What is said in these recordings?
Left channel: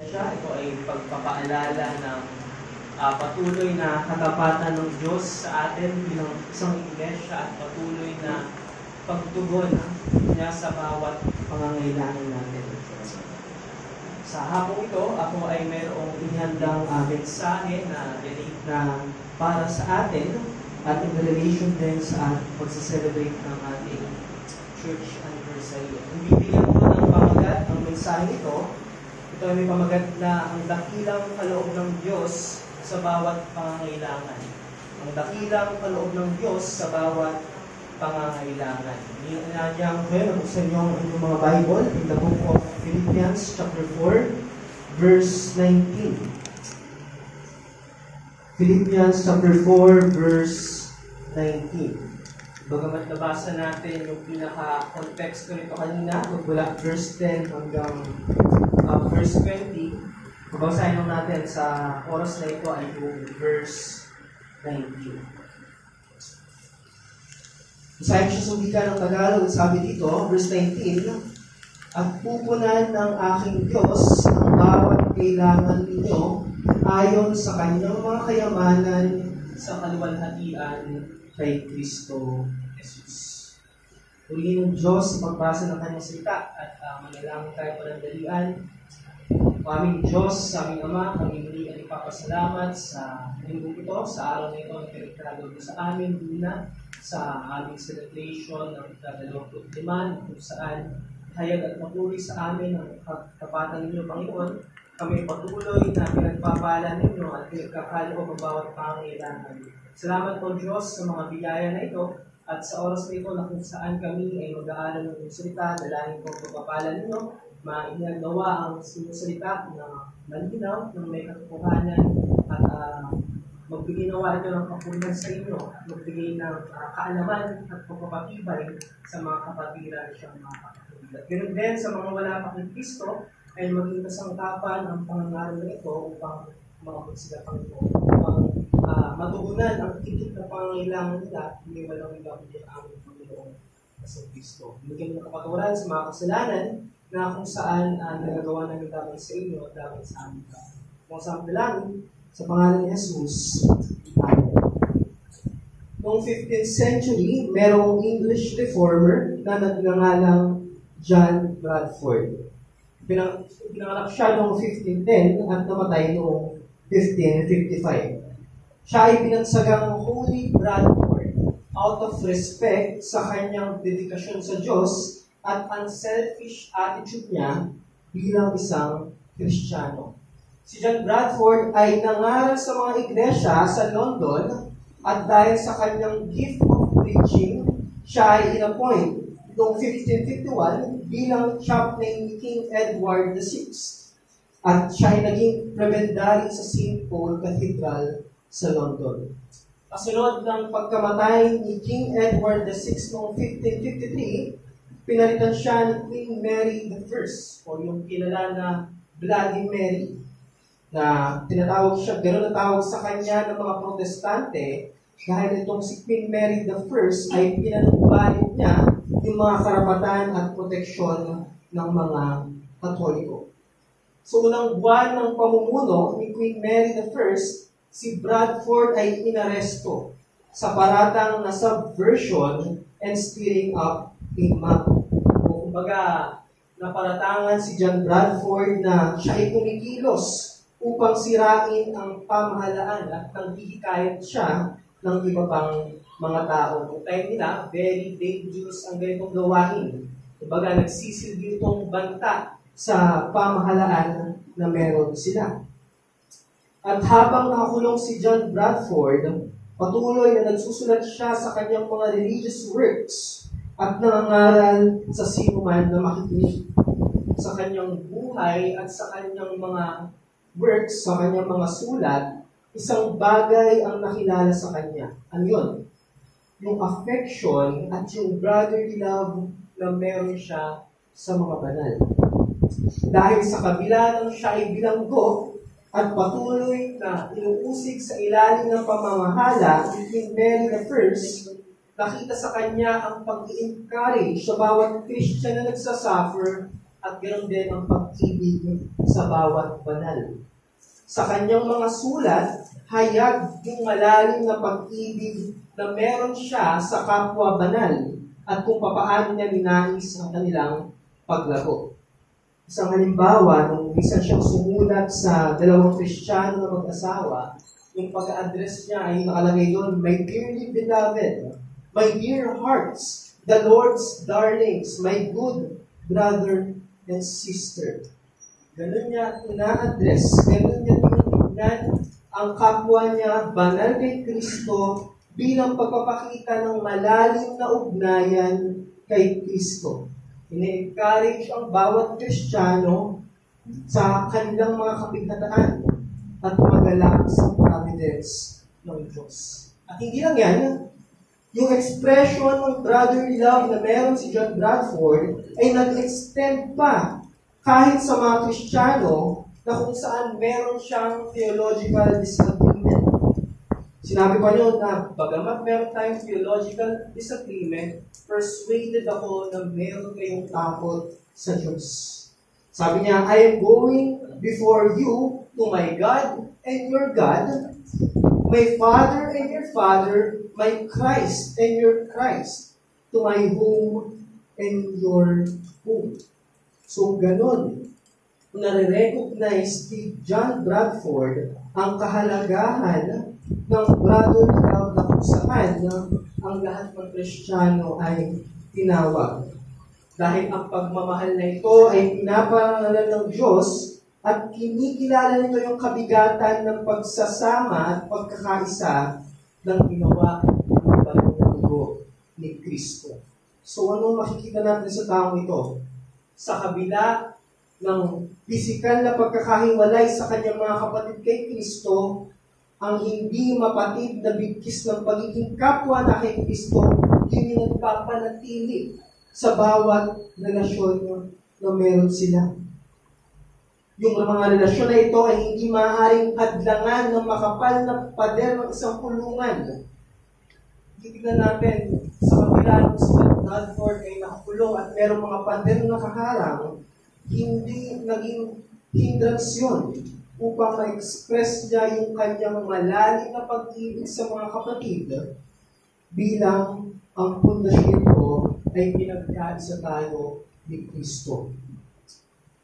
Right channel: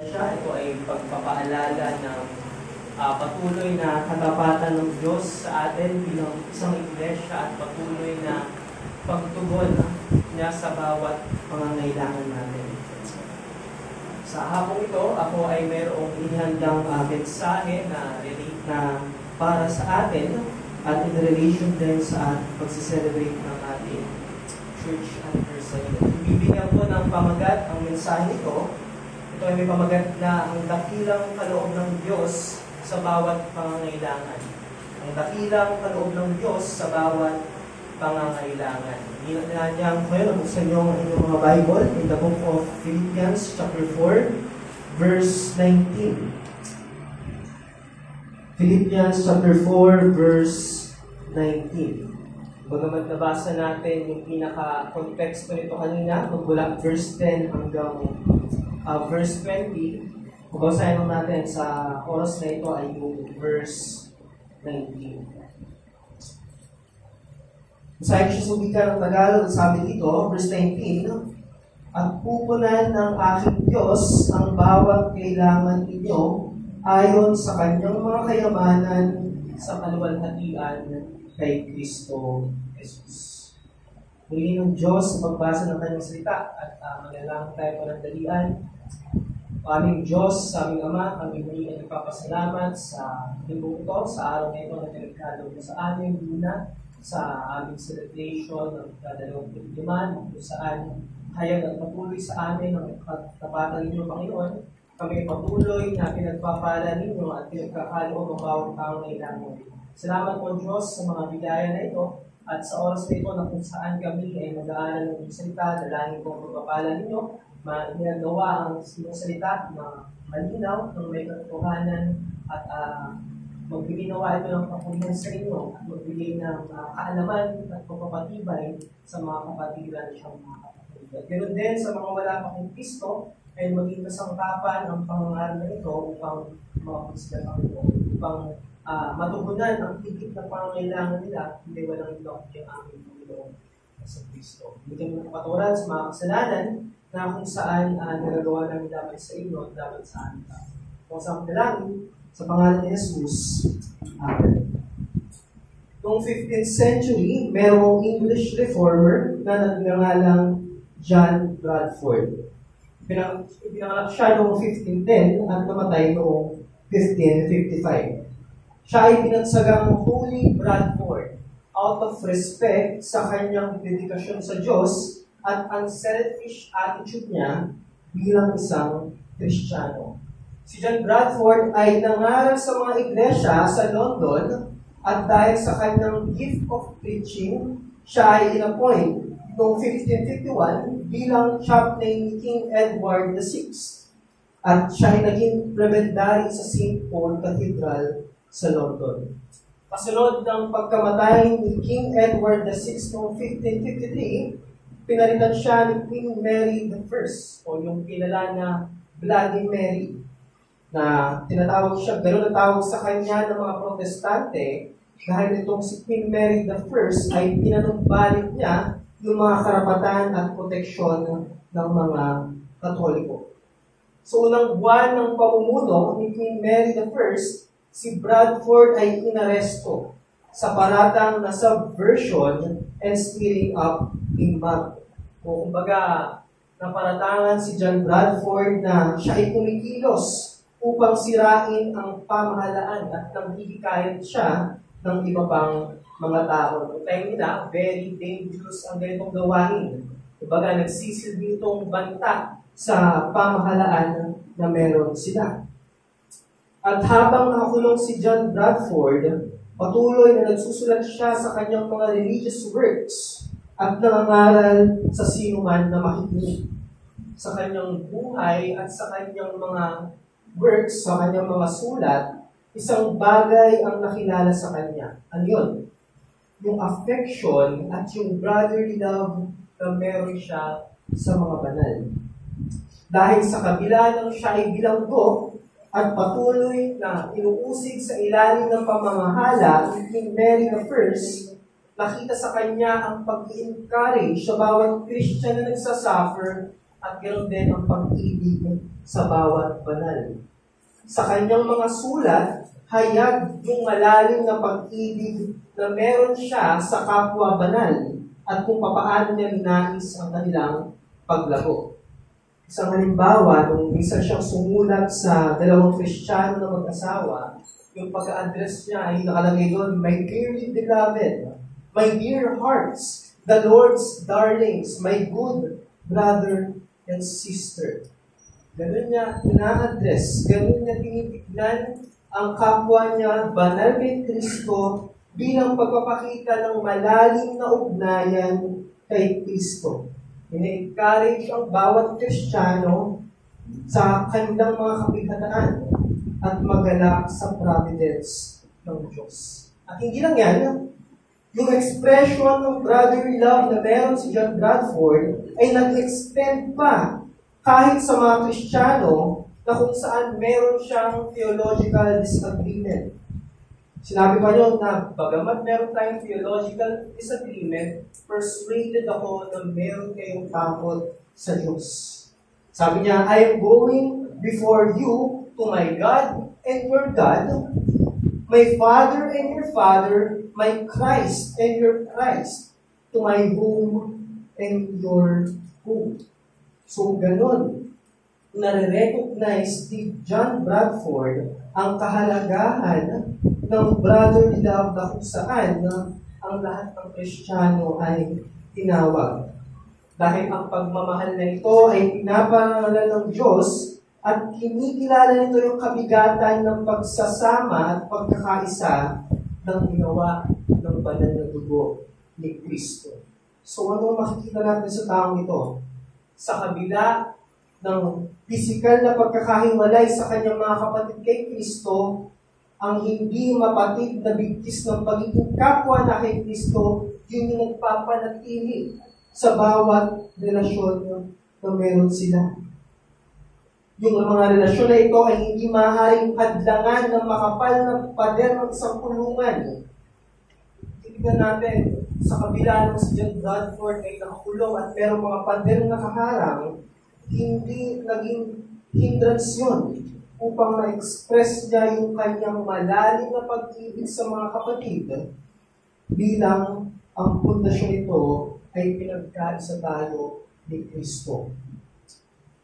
Ito ay pagpapaalala ng patuloy na katapatan ng Diyos sa atin bilang isang iglesia at patuloy na pagtugon niya sa bawat pangangailangan natin. Sa hapong ito, ako ay mayroong ihandang mensahe na para sa atin at in relation din sa pagse-celebrate ng ating church anniversary. Ibibigyan ko ng pamagat ang mensahe ito. Ito ay may pamagat na ang dakilang kaloob ng Diyos sa bawat pangangailangan. Ang dakilang kaloob ng Diyos sa bawat pangangailangan. Inanyang ko yun, buksan niyo ang inyong mga Bible in the book of Philippians chapter 4, verse 19. Philippians chapter 4, verse 19. Bagamat nabasa natin yung pinaka-konteksto nito kanina, mula verse 10 hanggang verse 20, babasahin natin sa oras na ito ay yung verse 19. Basahin siya sa wika ng Tagalog, sabi dito, verse 19, "At pupunan ng aking Diyos ang bawat kailangan ninyo ayon sa kanyang mga kayamanan sa kaluwalhatian kay Kristo Jesus." Purihin ng Diyos sa pagbasa ng kanyang salita at manalangin tayo panandalian. Aming Diyos, sa aming Ama, kami muli ay ipapasalamat sa linggong ito, sa araw na ito na pinagkaloob sa amin, Luna, sa aming celebration ng 25 na kung saan hayag at mapuli sa amin ang katapatan ninyo, Panginoon. Kami patuloy na pinagpapala ninyo at pinagkakaloob ang bawat pangangailangan. Salamat po, Diyos, sa mga bigaya na ito at sa oras na ito na kung saan kami ay mag-aaral ng inyong salita. Dalangin po ang pagpapala ninyo, mainagawa ang inyong salita na malinaw, ng may katotohanan at magbigay nawa ito ng kapunan sa inyo, magbigay ng kaalaman at pagpapatibay sa mga kapatiran siyang mga kapatid. At ganoon din sa mga wala pa kay Kristo, ay maging kasangkapan ang pangangaral na ito upang maabot sila, Panginoon, upang matugunan ang higit na pangangailangan nila, hindi walang iba kundi ang aming Panginoon sa Kristo. Bigyan mo ng kapaturan sa mga kasalanan na kung saan nagagawa namin dapat sa inyo at dapat sa amin. Kung saan dalangin, sa pangalan ni Jesus. Amen. Noong 15th century, merong English reformer na nagngangalang John Bradford. Pinanganak siya noong 1510 at namatay noong 1555. Siya ay pinagsagang Holy Bradford out of respect sa kanyang dedikasyon sa Diyos at unselfish attitude niya bilang isang Kristiyano. Si John Bradford ay nangaral sa mga iglesia sa London at dahil sa kanyang gift of preaching, siya ay inappoint noong 1551 bilang chaplain ni King Edward VI. At siya ay naging prebendary sa St. Paul Cathedral sa London. Kasunod ng pagkamatay ni King Edward VI noong 1553, pinalitan siya ni Queen Mary I o yung kilala na Bloody Mary, na tinatawag siya, gano'n ang tawag sa kanya ng mga protestante dahil itong si Queen Mary I ay pinanumbalik niya yung mga karapatan at proteksyon ng mga Katoliko. So, unang buwan ng pamumuno ni Queen Mary I, si Bradford ay inaresto sa paratang na subversion and stirring up a mob. O kumbaga, naparatangan si John Bradford na siya ay kumikilos upang sirain ang pamahalaan at nanghihikayat siya ng iba pang mga tao. Noong time nila, very dangerous ang ganitong gawain. Kumbaga, nagsisilbi itong banta sa pamahalaan na meron sila. At habang nakakulong si John Bradford, patuloy na nagsusulat siya sa kanyang mga religious works at nangangaral sa sinuman na makikinig sa kanyang buhay at sa kanyang mga works, sa kanyang mga sulat. Isang bagay ang nakilala sa kanya. Ano yun? Yung affection at yung brotherly love na meron siya sa mga banal. Dahil sa kabila ng siya ay bilanggo at patuloy na inuusig sa ilalim ng pamamahala ni Queen Mary I, nakita sa kanya ang pag-i-encourage sa bawat Christian na nagsasuffer at ganoon din ang pag-ibig sa bawat banal. Sa kanyang mga sulat, hayag yung malalim na pag-ibig na meron siya sa kapwa banal at kung papaano niya ninais ang kanilang paglago. Isang halimbawa, nung isa siyang sumulat sa dalawang Kristiyano na mag-asawa, yung pag-address niya ay nakalagay doon, "My dearly beloved, my dear hearts, the Lord's darlings, my good brother and sister." Ganun niya ina-address, ganun niya tinitignan ang kapwa niya, banal kay Kristo, bilang pagpapakita ng malalim na ugnayan kay Kristo. Ine-encourage ang bawat Kristiyano sa kanilang mga kapighataan at magalak sa providence ng Diyos. At hindi lang yan, yung expression ng brotherly love na meron si John Bradford ay nag-extend pa kahit sa mga Kristiyano na kung saan meron siyang theological disagreement. Sinabi pa niyo na bagamat meron tayong theological disagreement, persuaded ako na meron kayong takot sa Diyos. Sabi niya, "I am going before you to my God and your God, my Father and your Father, my Christ and your Christ, to my home and your home." So, ganun. Nare-recognize ni John Bradford ang kahalagahan ng brotherly love na kung saan ang lahat ng Kristiyano ay tinawag. Dahil ang pagmamahal na ito ay pinaparangalan ng Diyos at kinikilala nito yung kabigatan ng pagsasama at pagkakaisa ng ginawa ng banal na dugo ni Kristo. So ano makikita natin sa taong ito? Sa kabila ng pisikal na pagkakahiwalay sa kanyang mga kapatid kay Kristo, ang hindi mapatid na bigkis ng pagiging kapwa na kay Kristo, yun yung nagpapanatili sa bawat relasyon na meron sila. Yung mga relasyon na ito ay hindi maaaring hadlangan ng makapal na pader ng isang kulungan. Tignan natin, sa kabila ng si John Bradford ay nakakulong at merong mga pader na nakaharang, hindi naging hindrance yun upang ma-express niya yung kanyang malalim na pag-ibig sa mga kapatid bilang ang pundasyon nito ay pinagkaisa tayo ni Kristo.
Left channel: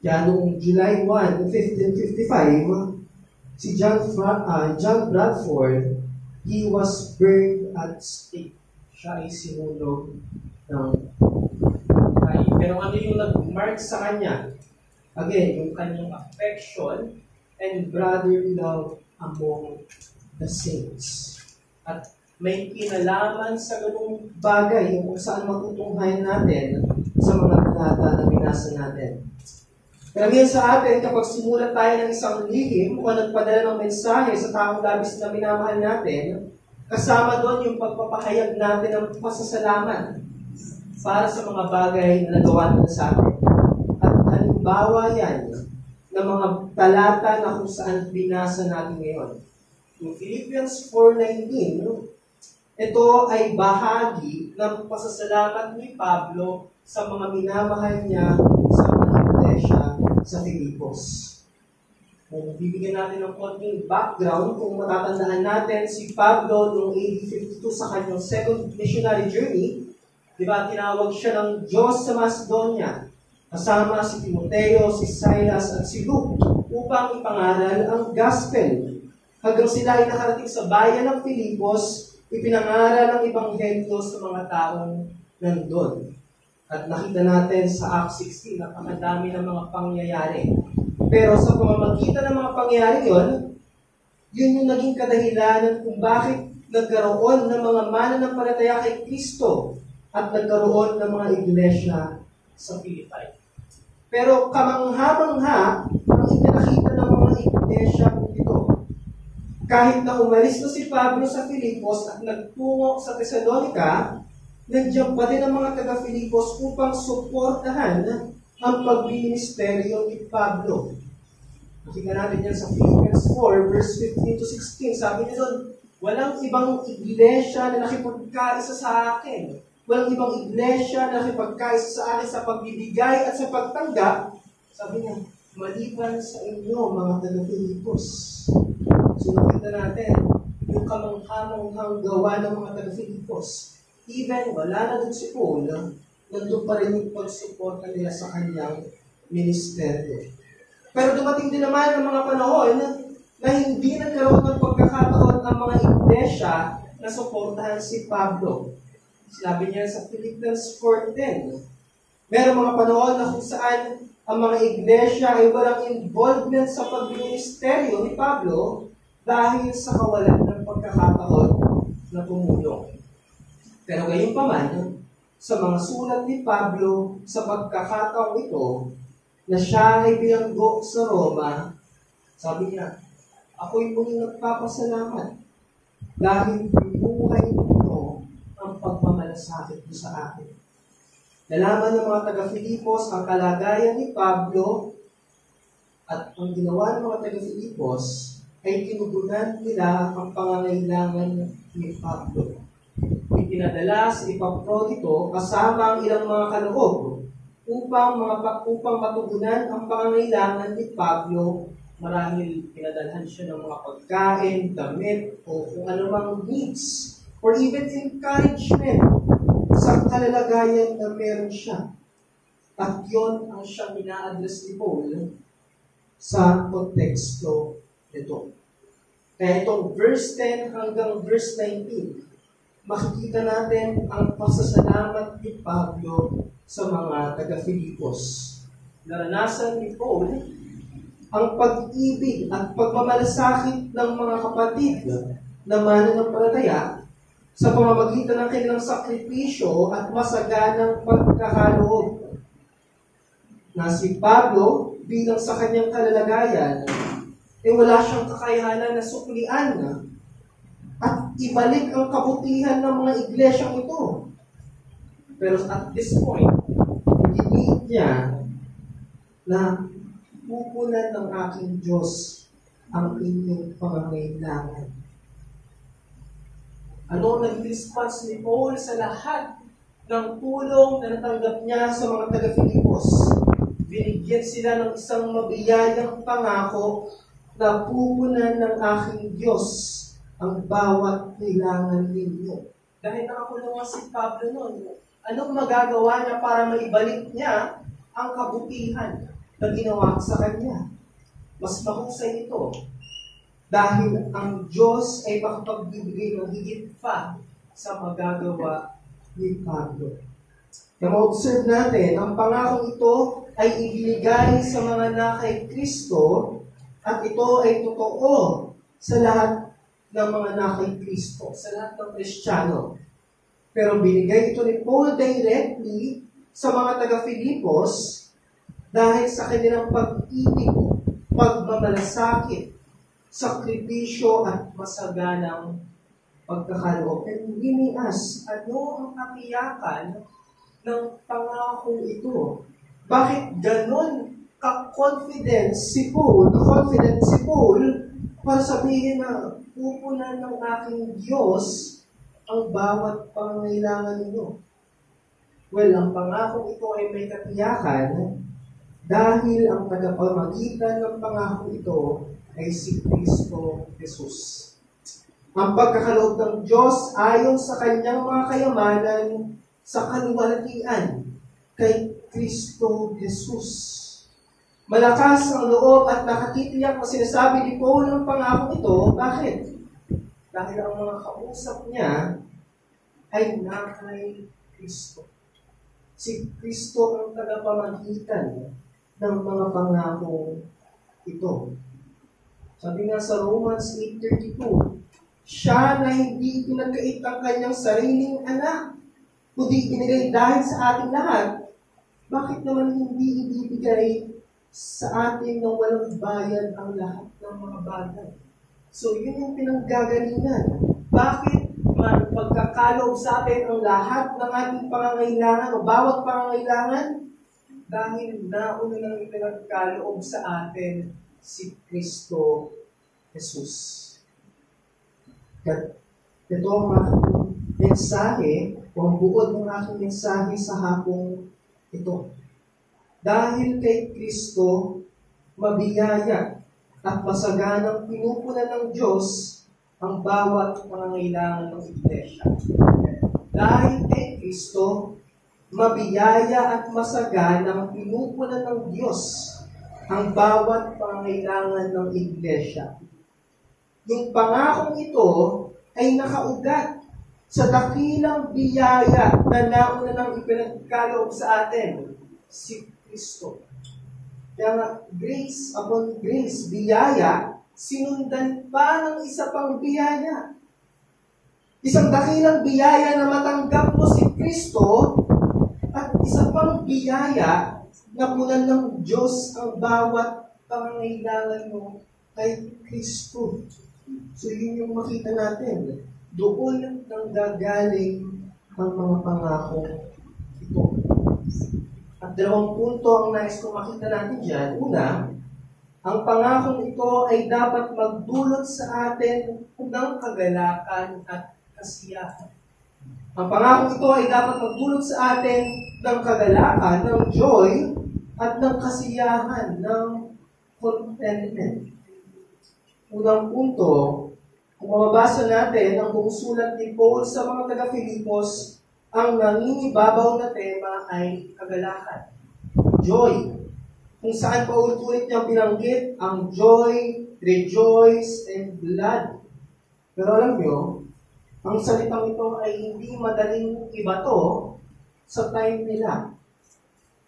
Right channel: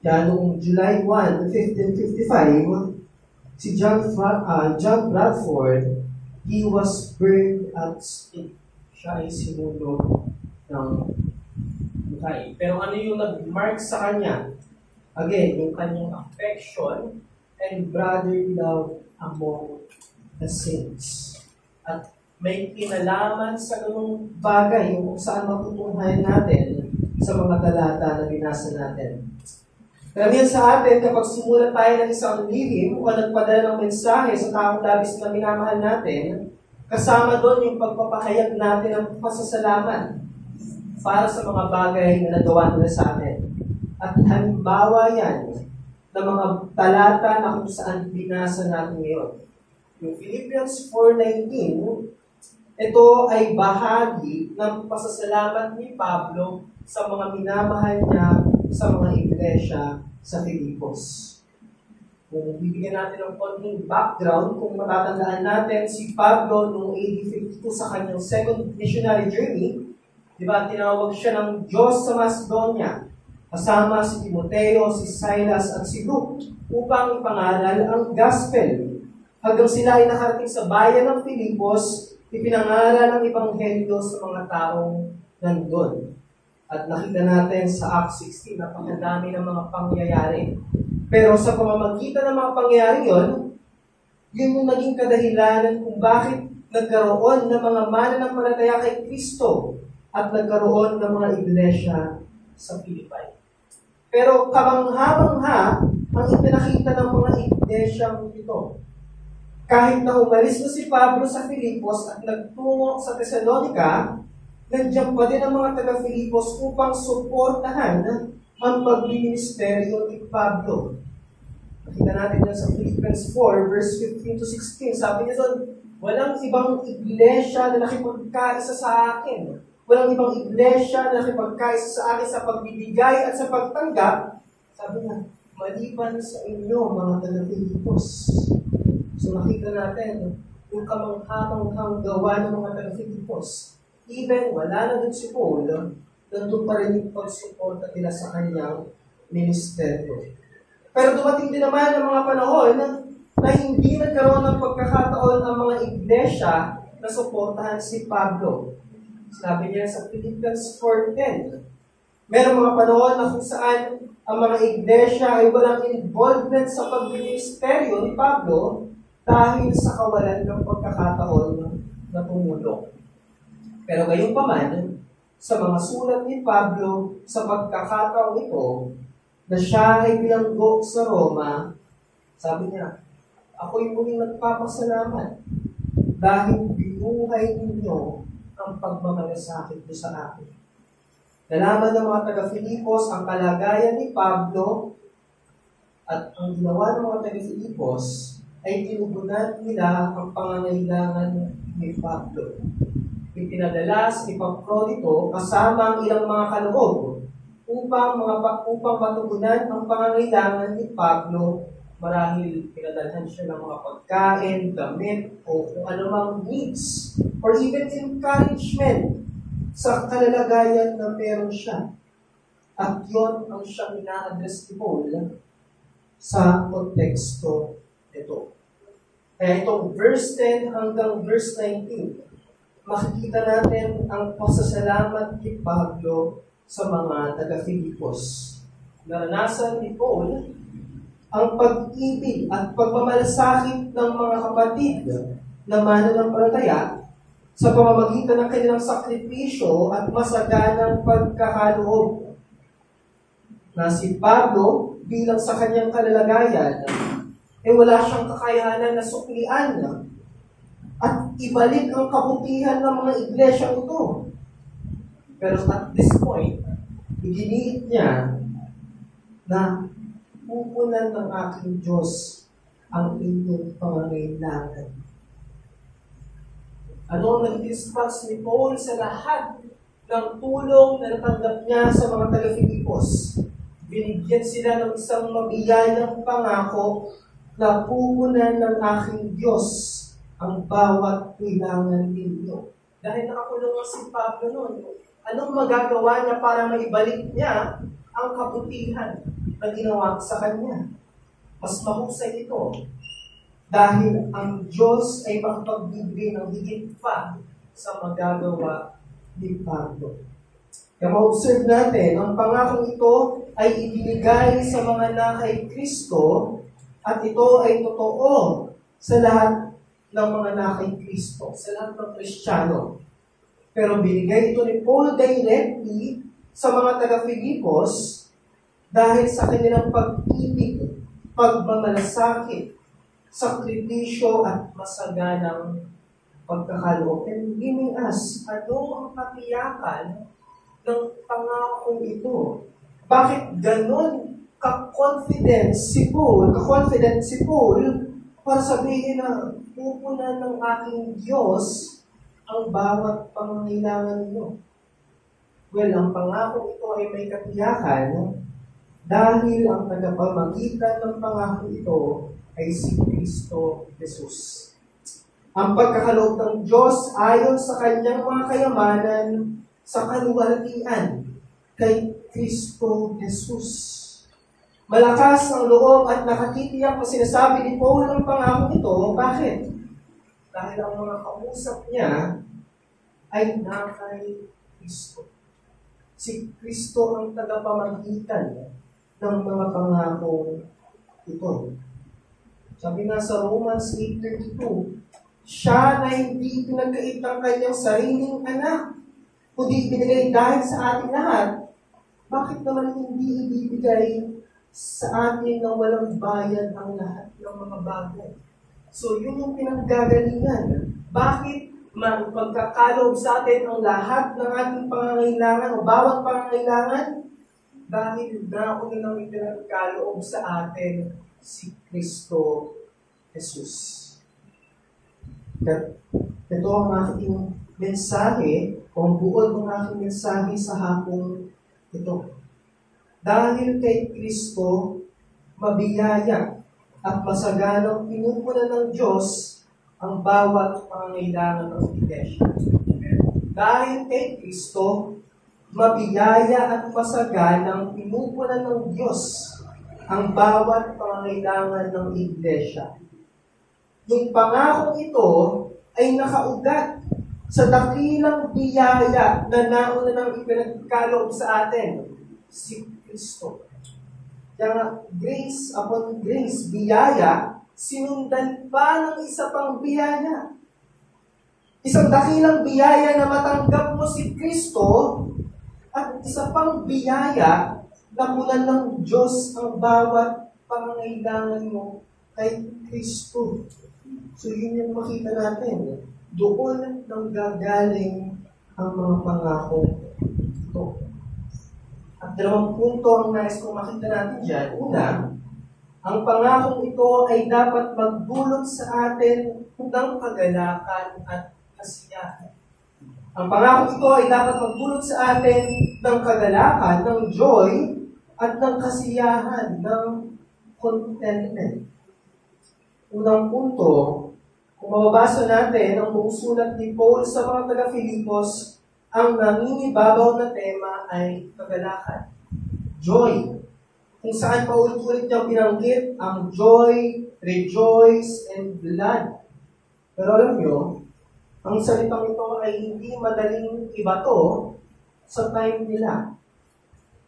Kaya noong July 1, 1555, si John Bradford, he was burned at stake. Siya ay sinunog ng kain. Pero ano yung nag-mark sa kanya? Again, yung kanyang affection and brotherly love among the saints. At may kinalaman sa ganung bagay yung kung saan matutunghayan natin sa mga talata na binasa natin. Karamihan sa atin, kapag sumulat tayo ng isang lihim o nagpadala ng mensahe sa taong labis na minamahal natin, kasama doon yung pagpapahayag natin ng pasasalamat para sa mga bagay na nagawa nila sa atin. At halimbawa yan ng mga talata na kung saan binasa natin ngayon. Yung Philippians 4:19, ito ay bahagi ng pasasalamat ni Pablo sa mga minamahal niya sa mga iglesia sa Filipos. Kung bibigyan natin ng konting background, kung matatandaan natin, si Pablo noong AD 52 sa kanyang second missionary journey, di ba, tinawag siya ng Diyos sa Macedonia, kasama si Timoteo, si Silas at si Luke, upang ipangaral ang gospel. Hanggang sila ay nakarating sa bayan ng Filipos, ipinangaral ang ebanghelyo sa mga taong nandun. At nakita natin sa Acts 16, napakadami ng mga pangyayari. Pero sa pamamagitan ng mga pangyayari yun yung naging kadahilanan kung bakit nagkaroon ng mga mananampalataya kay Kristo at nagkaroon ng mga iglesia sa Philippi. Pero kamangha-mangha ang ipinakita ng mga iglesia ito. Kahit na umalis na si Pablo sa Filipos at nagtungo sa Thessalonica, nandiyan pa din ang mga taga-Filipos upang suportahan ang pagministeryo ni Pablo. Nakita natin yan sa Philippians 4, verse 15 to 16. Sabi niya doon, walang ibang iglesia na nakipagkaisa sa akin walang ibang iglesia na nakipagkaisa sa akin sa pagbibigay at sa pagtanggap. Sabi niya, maliban sa inyo, mga taga-Filipos. So nakita natin, yung kamangha-manghang gawa ng mga taga-Filipos. Even wala na dun si Paul, nandun pa rin yung pagsuporta nila sa kanyang ministeryo. Pero dumating din naman ang mga panahon na hindi nagkaroon ng pagkakataon ang mga iglesia na suportahan si Pablo. Sinabi niya sa Philippians 4:10, merong mga panahon na kung saan ang mga iglesia ay walang involvement sa pagministeryo ni Pablo dahil sa kawalan ng pagkakataon na tumulong. Pero gayon pa man, sa mga sulat ni Pablo sa pagkakataon ito, na siya ay bilanggo sa Roma, sabi niya, ako'y muling nagpapasalamat dahil binuhay ninyo ang pagmamalasakit mo sa akin. Nalaman ng mga taga-Filipos ang kalagayan ni Pablo at ang ginawa ng mga taga-Filipos ay tinugunan nila ang pangangailangan ni Pablo. Ipinadala si Epaprodito kasama ang ilang mga kaloob upang matugunan ang pangangailangan ni Pablo. Marahil pinadalhan siya ng mga pagkain, damit, o kung anumang needs, or even encouragement sa kalalagayan na meron siya. At yon ang siyang ina-address ni Paul sa konteksto nito. Kaya itong verse 10 hanggang verse 19, makikita natin ang pasasalamat ni Pablo sa mga taga-Filipos. Naranasan ni Paul ang pag-ibig at pagmamalasakit ng mga kapatid na mananampalataya sa pamamagitan ng kanilang sakripisyo at masaganang pagkakaloob. Na si Pablo, bilang sa kanyang kalalagayan, wala siyang kakayanan na suklian at ibalik ang kabutihan ng mga iglesyang ito. Pero at this point, giniit niya na pupunan ng aking Diyos ang inyong pangangailangan. Ano ang naging response ni Paul sa lahat ng tulong na natanggap niya sa mga taga-Filipos? Binigyan sila ng isang mabiyayang pangako na pupunan ng aking Diyos ang bawat kailangan ninyo. Dahil nakakulong si Pablo noon, anong magagawa niya para maibalik niya ang kabutihan na ginawa sa kanya? Mas mahusay ito. Dahil ang Diyos ay makapagbibigay ng higit pa sa magagawa ni Pablo. Kaya ma-observe natin, ang pangakong ito ay ibinigay sa mga nakay Kristo at ito ay totoo sa lahat ng mga nakay Kristo, sa lahat ng Kristiyano. Pero binigay ito ni Paul directly sa mga taga-Filipos dahil sa kanilang pag-ibig, pagmamalasakit, sakripisyo at masaganang pagkakaloob. And we may ask, ano ang katiyakan ng pangakong ito? Bakit ganon ka-confident si Paul para sabihin na pupunan ng aking Diyos ang bawat pangangailangan ninyo? Well, ang pangako ito ay may katiyakan dahil ang tagapamagitan ng pangako ito ay si Kristo Jesus. Ang pagkakaloob ng Diyos ayon sa kanyang mga kayamanan sa kaluwalhatian kay Kristo Jesus. Malakas ang loob at nakatitiyak na sinasabi ni Paul ang pangako ito. Bakit? Dahil ang mga kausap niya ay nakay Kristo. Si Kristo ang tagapamagitan ng mga pangako ito. Sabi nga sa Romans 8:32, siya na hindi pinagkait ang kanyang sariling anak, kundi ibinigay dahil sa ating lahat, bakit naman hindi ibibigay sa atin ng walang bayad ang lahat ng mga bagay? So, yun yung pinanggagalingan. Bakit pagkakaloob sa atin ang lahat ng ating pangangailangan o bawat pangangailangan? Dahil nauna nang ipinagkaloob sa atin si Kristo Jesus. Ito ang aking mensahe o ang buod ng aking mensahe sa hapong ito. Dahil kay Kristo, mabiyaya at masaganang pinupunan ng Diyos ang bawat pangangailangan ng Iglesia. Dahil kay Kristo, mabiyaya at masaganang pinupunan ng Diyos ang bawat pangangailangan ng Iglesia. Yung pangakong ito ay nakaugat sa dakilang biyaya na nauna nang ipinagkaloob sa atin, si Kristo. Kaya nga, grace upon grace, biyaya, sinundan pa ng isa pang biyaya. Isang dakilang biyaya na matanggap mo si Kristo at isa pang biyaya na punan ng Diyos ang bawat pangangailangan mo kay Kristo. So yun yung makita natin. Doon nang gagaling ang mga pangako ito. At dalawang punto ang nais kong makita natin dyan. Una, ang pangakong ito ay dapat magdulot sa atin ng kagalakan at kasiyahan. Ang pangakong ito ay dapat magdulot sa atin ng kagalakan, ng joy, at ng kasiyahan, ng contentment. Unang punto, kung mababasa natin ang buong sulat ni Paul sa mga taga-Filipos, ang nangingibabaw na tema ay kagalakan. Joy. Kung saan paulit-ulit niyang binanggit ang joy, rejoice, and blood. Pero alam niyo, ang salitang ito ay hindi madaling ibato sa time nila.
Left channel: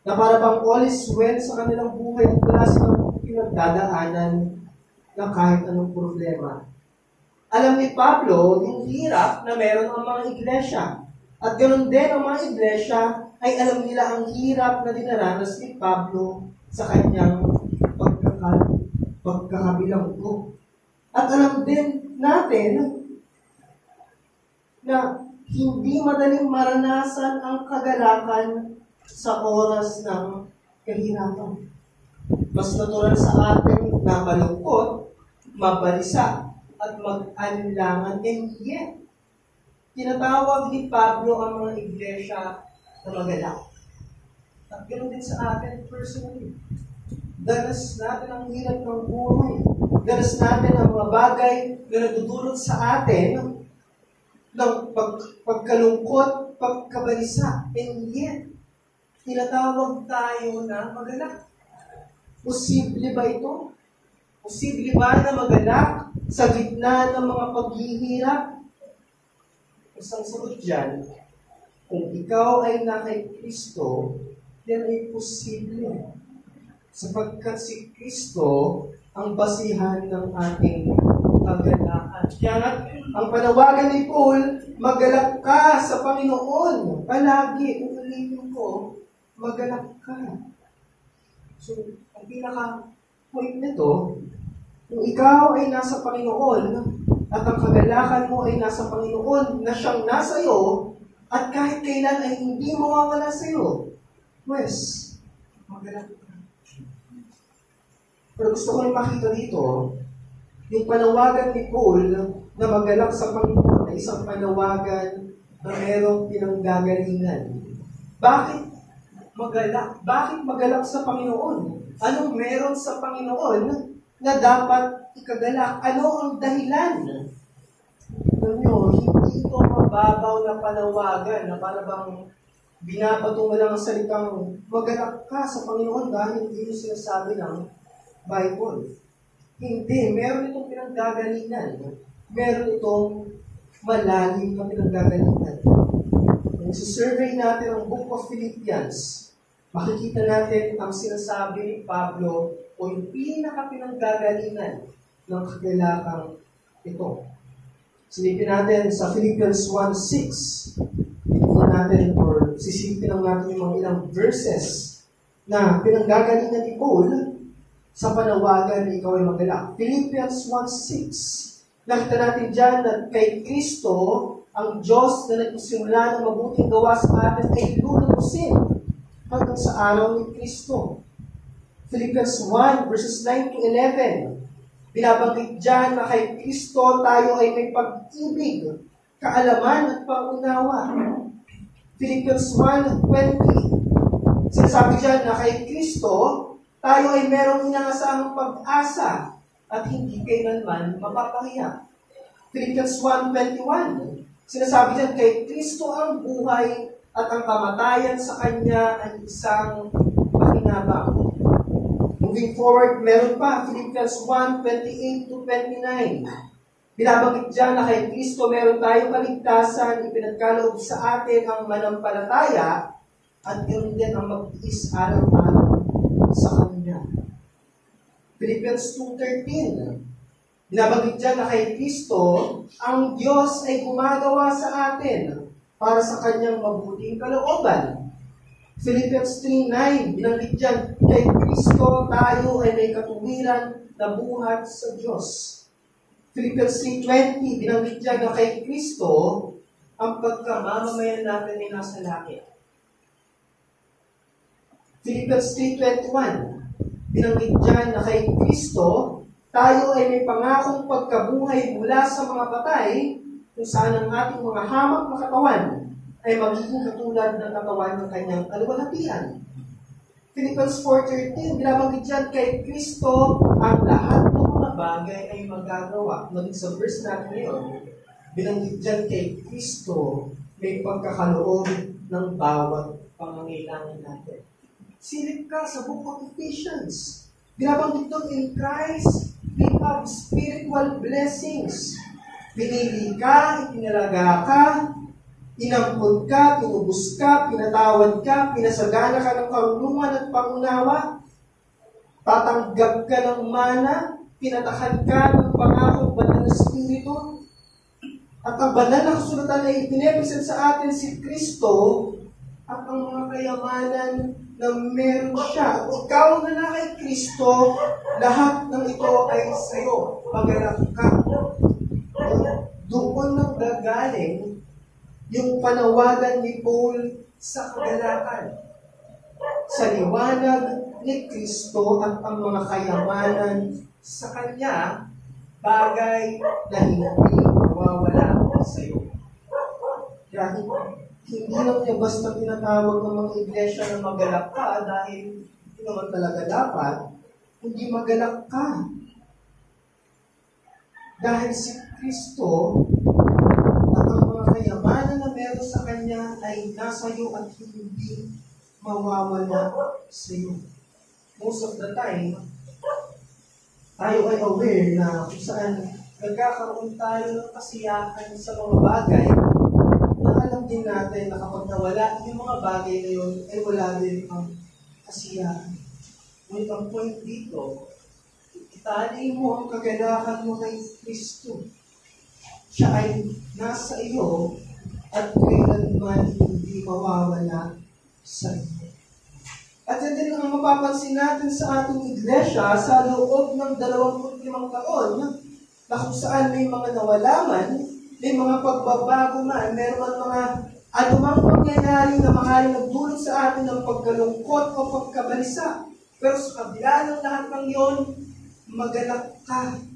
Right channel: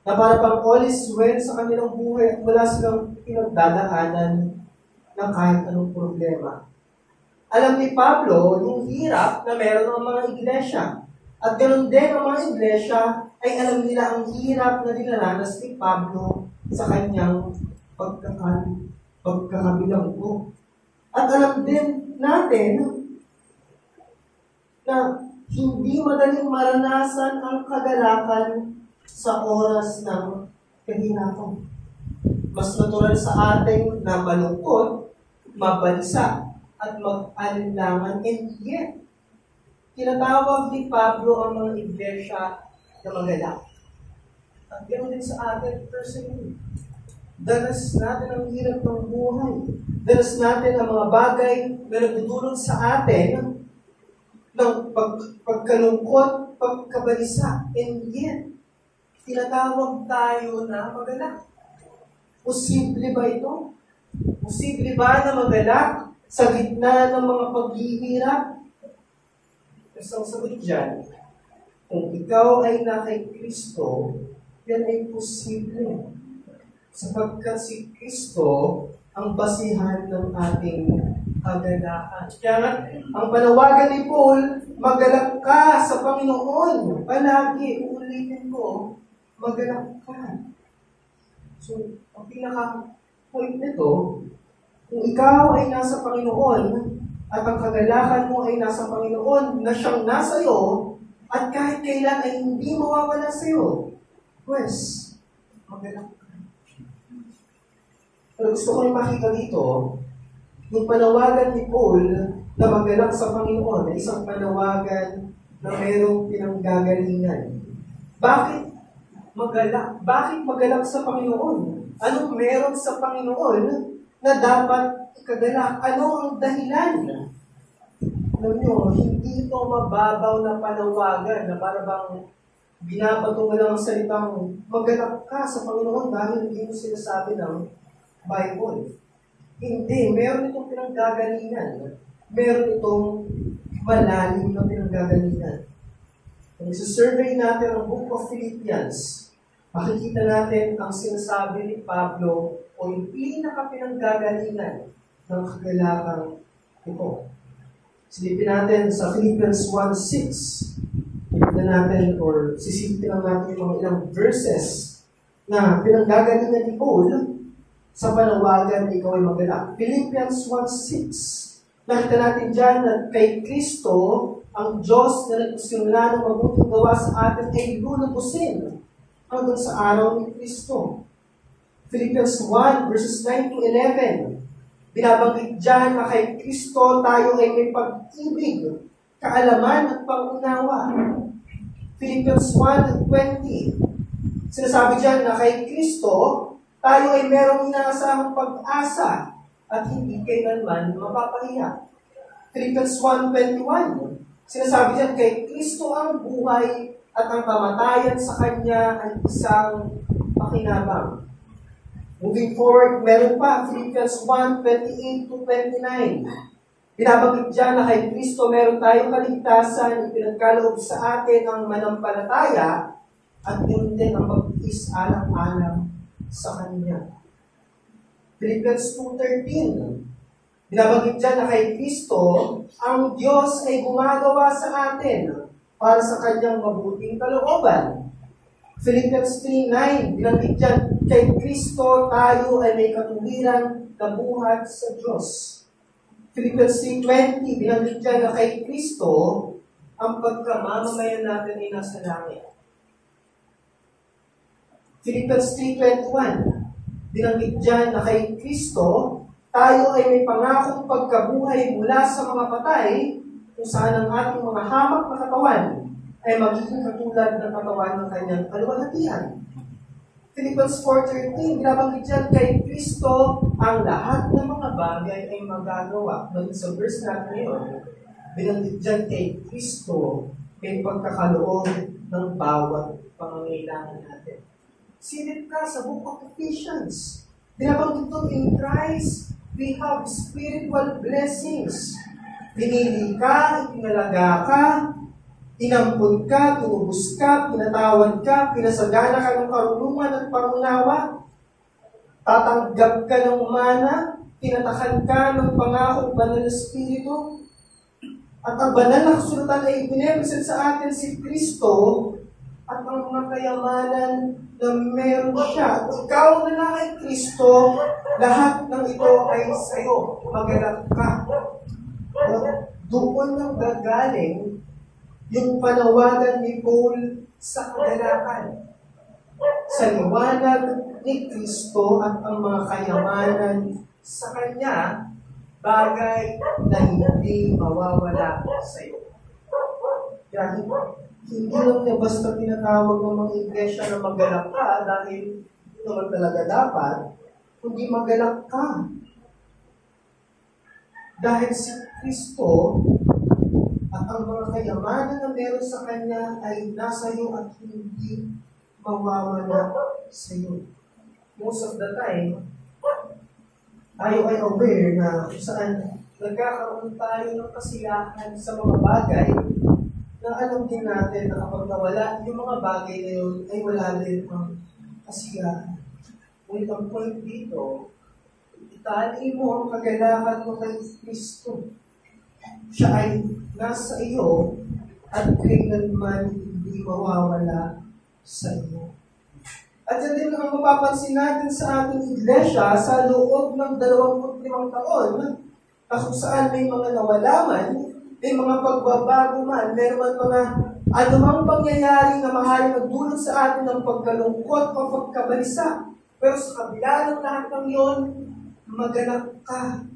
Na para bang all is well sa kanilang buhay at wala silang pinagdadaanan ng kahit anong problema. Alam ni Pablo yung hirap na meron ng mga iglesia. At ganoon din ang mga iglesia ay alam nila ang hirap na dinaranas ni Pablo sa kanyang pagkakabilanggo. At alam din natin na hindi madaling maranasan ang kagalakan sa oras ng kahirapan. Mas natural sa atin na malungkot, mabalisa, at mag-alinlangan. And yet, tinatawag ni Pablo ang mga iglesia na magalak. At ganoon din sa atin personally. Danas natin ang hirap ng buhay. Danas natin ang mga bagay na nagdudulot sa atin ng pagkalungkot, pagkabalisa. And yet, tinatawag tayo na magalak. Posible ba ito? Posible ba na magalak sa gitna ng mga paghihirap? Isang sagot dyan, kung ikaw ay na kay Kristo, yan ay posible. Sapagkat si Kristo ang basihan ng ating kagalakan. Kaya nga, ang panawagan ni Paul, magalak ka sa Panginoon. Palagi, uulitin ko, magalak ka. So, ang pinaka-point nito, kung ikaw ay nasa Panginoon, at ang kagalakan mo ay nasa Panginoon, na siyang nasa iyo, at kahit kailan ay hindi mawawala sa iyo, pues, magalak ka. Pero gusto ko rin makita dito, yung panawagan ni Paul na magalak sa Panginoon ay isang panawagan na mayroong pinanggagalingan. Bakit magalak? Bakit magalak sa Panginoon? Anong meron sa Panginoon na dapat ikagalak? Ano ang dahilan? Alam nyo, hindi ito mababaw na panawagan na para bang binabato mo lang ang salitang magalak ka sa Panginoon dahil hindi mo sinasabi ng Bible. Hindi. Meron itong pinanggagalingan. Meron itong malalim na pinanggagalingan. Kung isa-survey natin ang Book of Philippians, makikita natin ang sinasabi ni Pablo o yung pinaka-pinanggagalingan ng kagalakang ito. Silipin natin sa Philippians 1:6. Silipin natin or sisipin lang natin yung mga ilang verses na pinanggagalingan ni Paul sa panawagan na ikaw ay magalak. Philippians 1:6. Nakita natin dyan na kay Kristo, ang Diyos na nagsimula ng mabuting gawa sa atin ay lulubusin hanggang sa araw ni Kristo. Philippians 1 verses 9 to 11. Binabanggit dyan na kay Kristo tayo ay may pag-ibig kaalaman at pangunawa. Philippians 1:20. Sinasabi dyan na kay Kristo, tayo ay merong inaasahang pag-asa at hindi kailanman mapapahiya. Philippians 1:21. Sinasabi dyan, kay Kristo ang buhay at ang kamatayan sa Kanya ay isang pakinabang. Moving forward, meron pa, Philippians 1:28-29. Binabanggit dyan na kay Kristo meron tayong kaligtasan, ipinagkaloob sa atin ang manampalataya at yun din ang mag-is alang-alang sa Kanya. Philippians 2:13. Binabanggit dyan na kay Kristo, ang Diyos ay gumagawa sa atin para sa Kanyang mabuting kalooban. Philippians 3:9. Binanggit dyan, kay Kristo tayo ay may katuwiran na buhat sa Diyos. Philippians 3:20. Binanggit dyan na kay Kristo, ang pagkamamamayan natin ay nasa langit. Philippians 3:21. Binanggit dyan na kay Kristo, tayo ay may pangakong pagkabuhay mula sa mga patay, kung saan ang ating mga hamak na katawan ay magiging katulad ng katawan ng kanyang kaluwalhatian. Philippians 4:13, binabanggit dyan kay Kristo, ang lahat ng mga bagay ay magagawa. Maging sa verse natin ngayon, binanggit dyan kay Kristo, may pagkakaloob ng bawat pangangailangan natin. Silip ka sa book of Ephesians. Binabanggit doon, in Christ, we have spiritual blessings. Pinili ka, itinalaga ka, inampun ka, tinubos ka, pinatawad ka, pinasagana ka ng karunungan at pangunawa, tatanggap ka ng mana, pinatakan ka ng pangakong banal na Espiritu, at ang banal na kasulatan ay ipinrepresent sa atin si Kristo at ang mga kayamanan na meron siya. Kung ikaw na kay Kristo, lahat ng ito ay sa'yo. Magalak ka. Doon nang gagaling yung panawagan ni Paul sa kagalakan. Sa liwanag ni Kristo at ang mga kayamanan sa Kanya, bagay na hindi mawawala sa iyo. Kaya hindi lang niya basta tinatawag ng mga iglesia na magalak ka dahil hindi naman talaga dapat, kundi magalak ka. Dahil si Kristo at ang mga kayamanan na meron sa Kanya ay nasa iyo at hindi mawawala sa iyo. Most of the time, tayo ay aware na kung saan nagkakaroon tayo ng kasiyahan sa mga bagay na alam din natin na kapag nawala yung mga bagay na yun, ay wala rin ang kasiyahan. Ngunit ang point dito, itali mo ang kagalakan mo kay Kristo. Siya ay nasa iyo at kailanman hindi mawawala sa iyo. At yan din ang mapapansin natin sa ating iglesia sa loob ng 25 taon na kung saan may mga nawalaman, may mga pagbabago man, meron mga anumang pangyayari na maaaring nagdulot sa atin ng pagkalungkot o pagkabalisa. Pero sa kabila ng lahat ng yon, maganap ka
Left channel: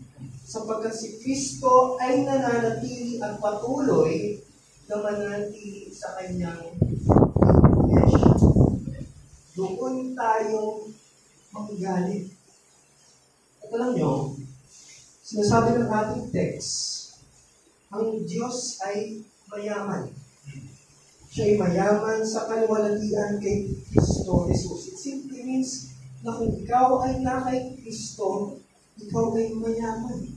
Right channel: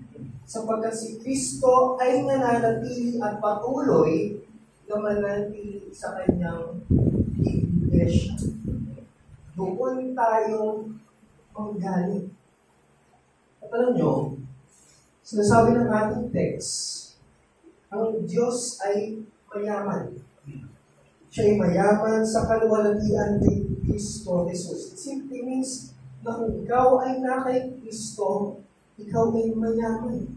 sapagkat si Kristo ay nananatili at patuloy na mananatili sa kanyang iglesia. Doon tayo manggaling. At alam nyo, sinasabi ng ating text, ang Diyos ay mayaman. Siya ay mayaman sa kaluwalhatian kay Kristo Jesus. It simply means na kung ikaw ay na kay Kristo, ikaw ay mayaman.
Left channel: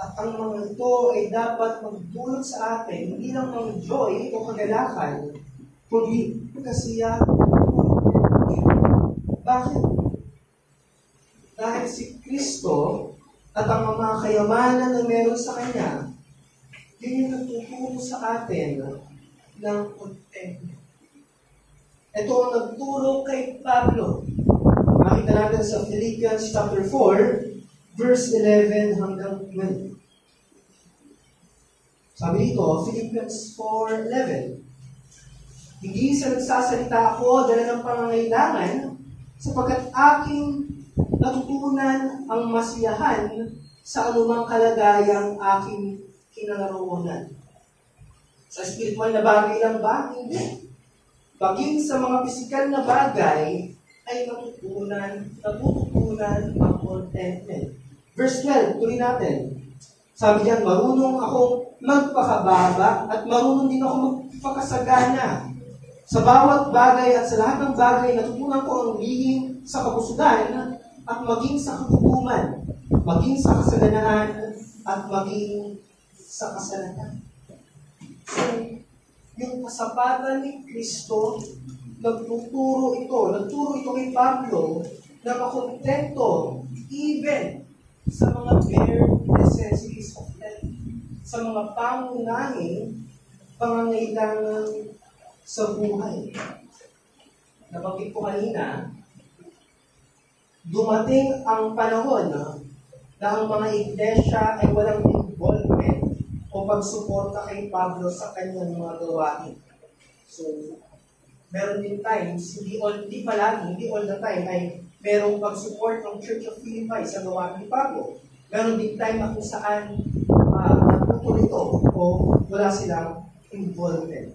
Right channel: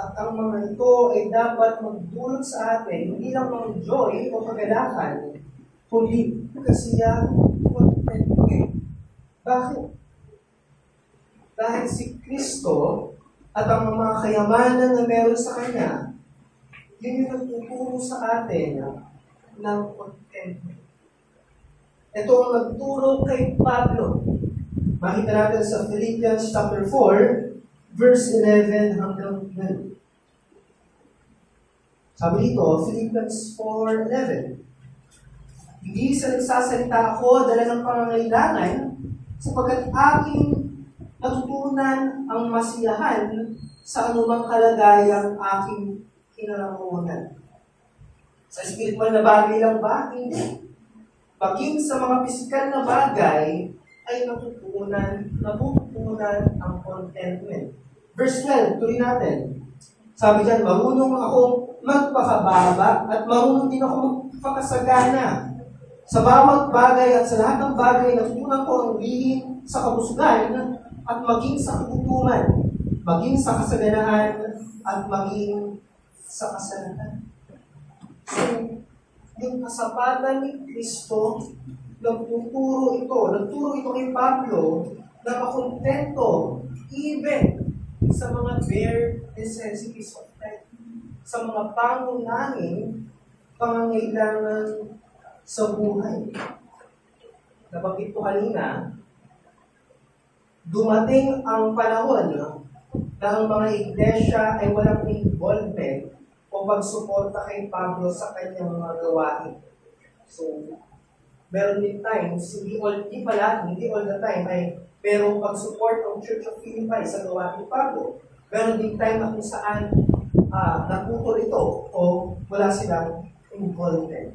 At ang mga ito ay dapat magdulot sa atin, hindi lang ng joy o kagalakan, kundi kasiyahan. Bakit? Dahil si Kristo at ang mga kayamanan na meron sa Kanya, yun yung nagtuturo sa atin ng contentment. Ito ang nagturo kay Pablo. Makita natin sa Philippians chapter 4, verse 11 hanggang 12. Sabi dito, Philippians 4:11, hindi sa nagsasalita ako dala ng pangangailangan sapagkat aking natutunan ang masiyahan sa anumang kalagayang aking kinaroroonan. Sa spiritual na bagay lang ba? Hindi. Paging sa mga pisikal na bagay, ay natutunan ng contentment. Verse 12, tuloy natin. Sabi diyan, marunong akong magpakababa at marunong din ako magpakasagana. Sa bawat bagay at sa lahat ng bagay, natutunan ko ang lihim sa kabusugan at maging sa kagutuman, maging sa kasaganaan at maging sa kasalanan. So, yung kasapatan ni Kristo, nagturo ito kay Pablo na makontento even sa mga bare necessities of life, sa mga pangunahing pangangailangan sa buhay. Nabanggit ko kanina, dumating ang panahon na ang mga iglesia ay walang involvement o pagsuporta kay Pablo sa kanyang mga gawain. So, meron din times, hindi all the time ay merong pag-support ng Church of Philippi sa gawain ni Pablo. Meron din time na kung saan natutol ito o wala silang involvement.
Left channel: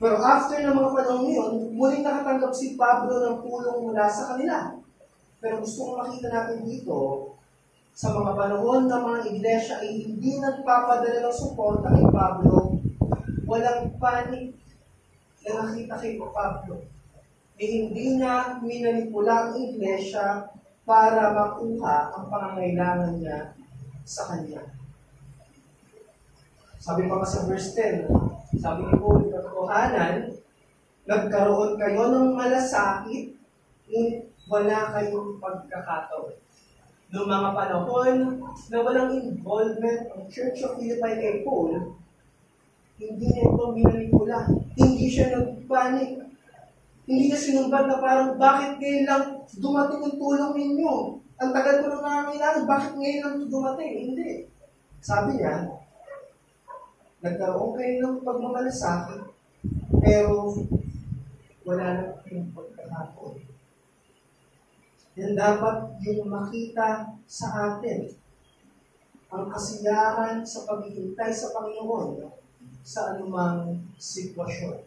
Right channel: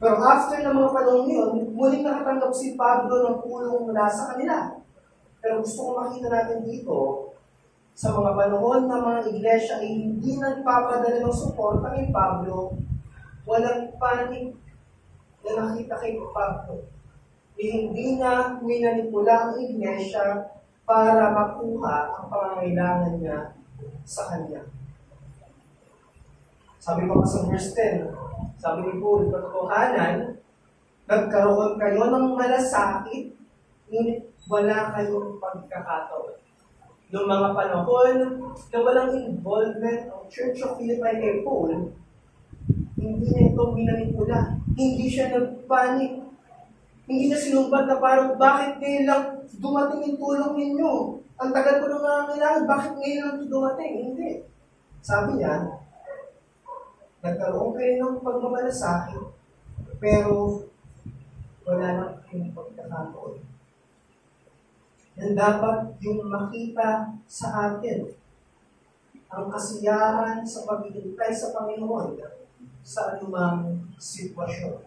Pero after ng mga panahon yun, muling nakatanggap si Pablo ng tulong mula sa kanila. Pero gusto kong makita natin dito, sa mga panahon ng mga iglesia ay hindi nagpapadala ng suporta kay Pablo, walang panic na nakita kay Pablo. Hindi na minanipula ang iglesia para makuha ang pangangailangan niya sa kanya. Sabi pa sa verse 10, sabi ni Paul, katotohanan, nagkaroon kayo ng malasakit, ngunit wala kayong pagkakataon. Noong mga panahon na walang involvement ng Church of Philippi kay Paul, hindi na ito minanipula. Hindi siya nagpanik. Hindi niya sinumbat na parang, bakit ngayon lang dumating yung tulong ninyo? Ang tagal ko nang nangangailangan, bakit ngayon lang dumating? Hindi. Sabi niya, nagkaroon kayo ng pagmamalasakit, pero wala nang kayong pagkakataon. Yan dapat yung makita sa atin. Ang kasiyahan sa paghihintay sa Panginoon sa anumang sitwasyon.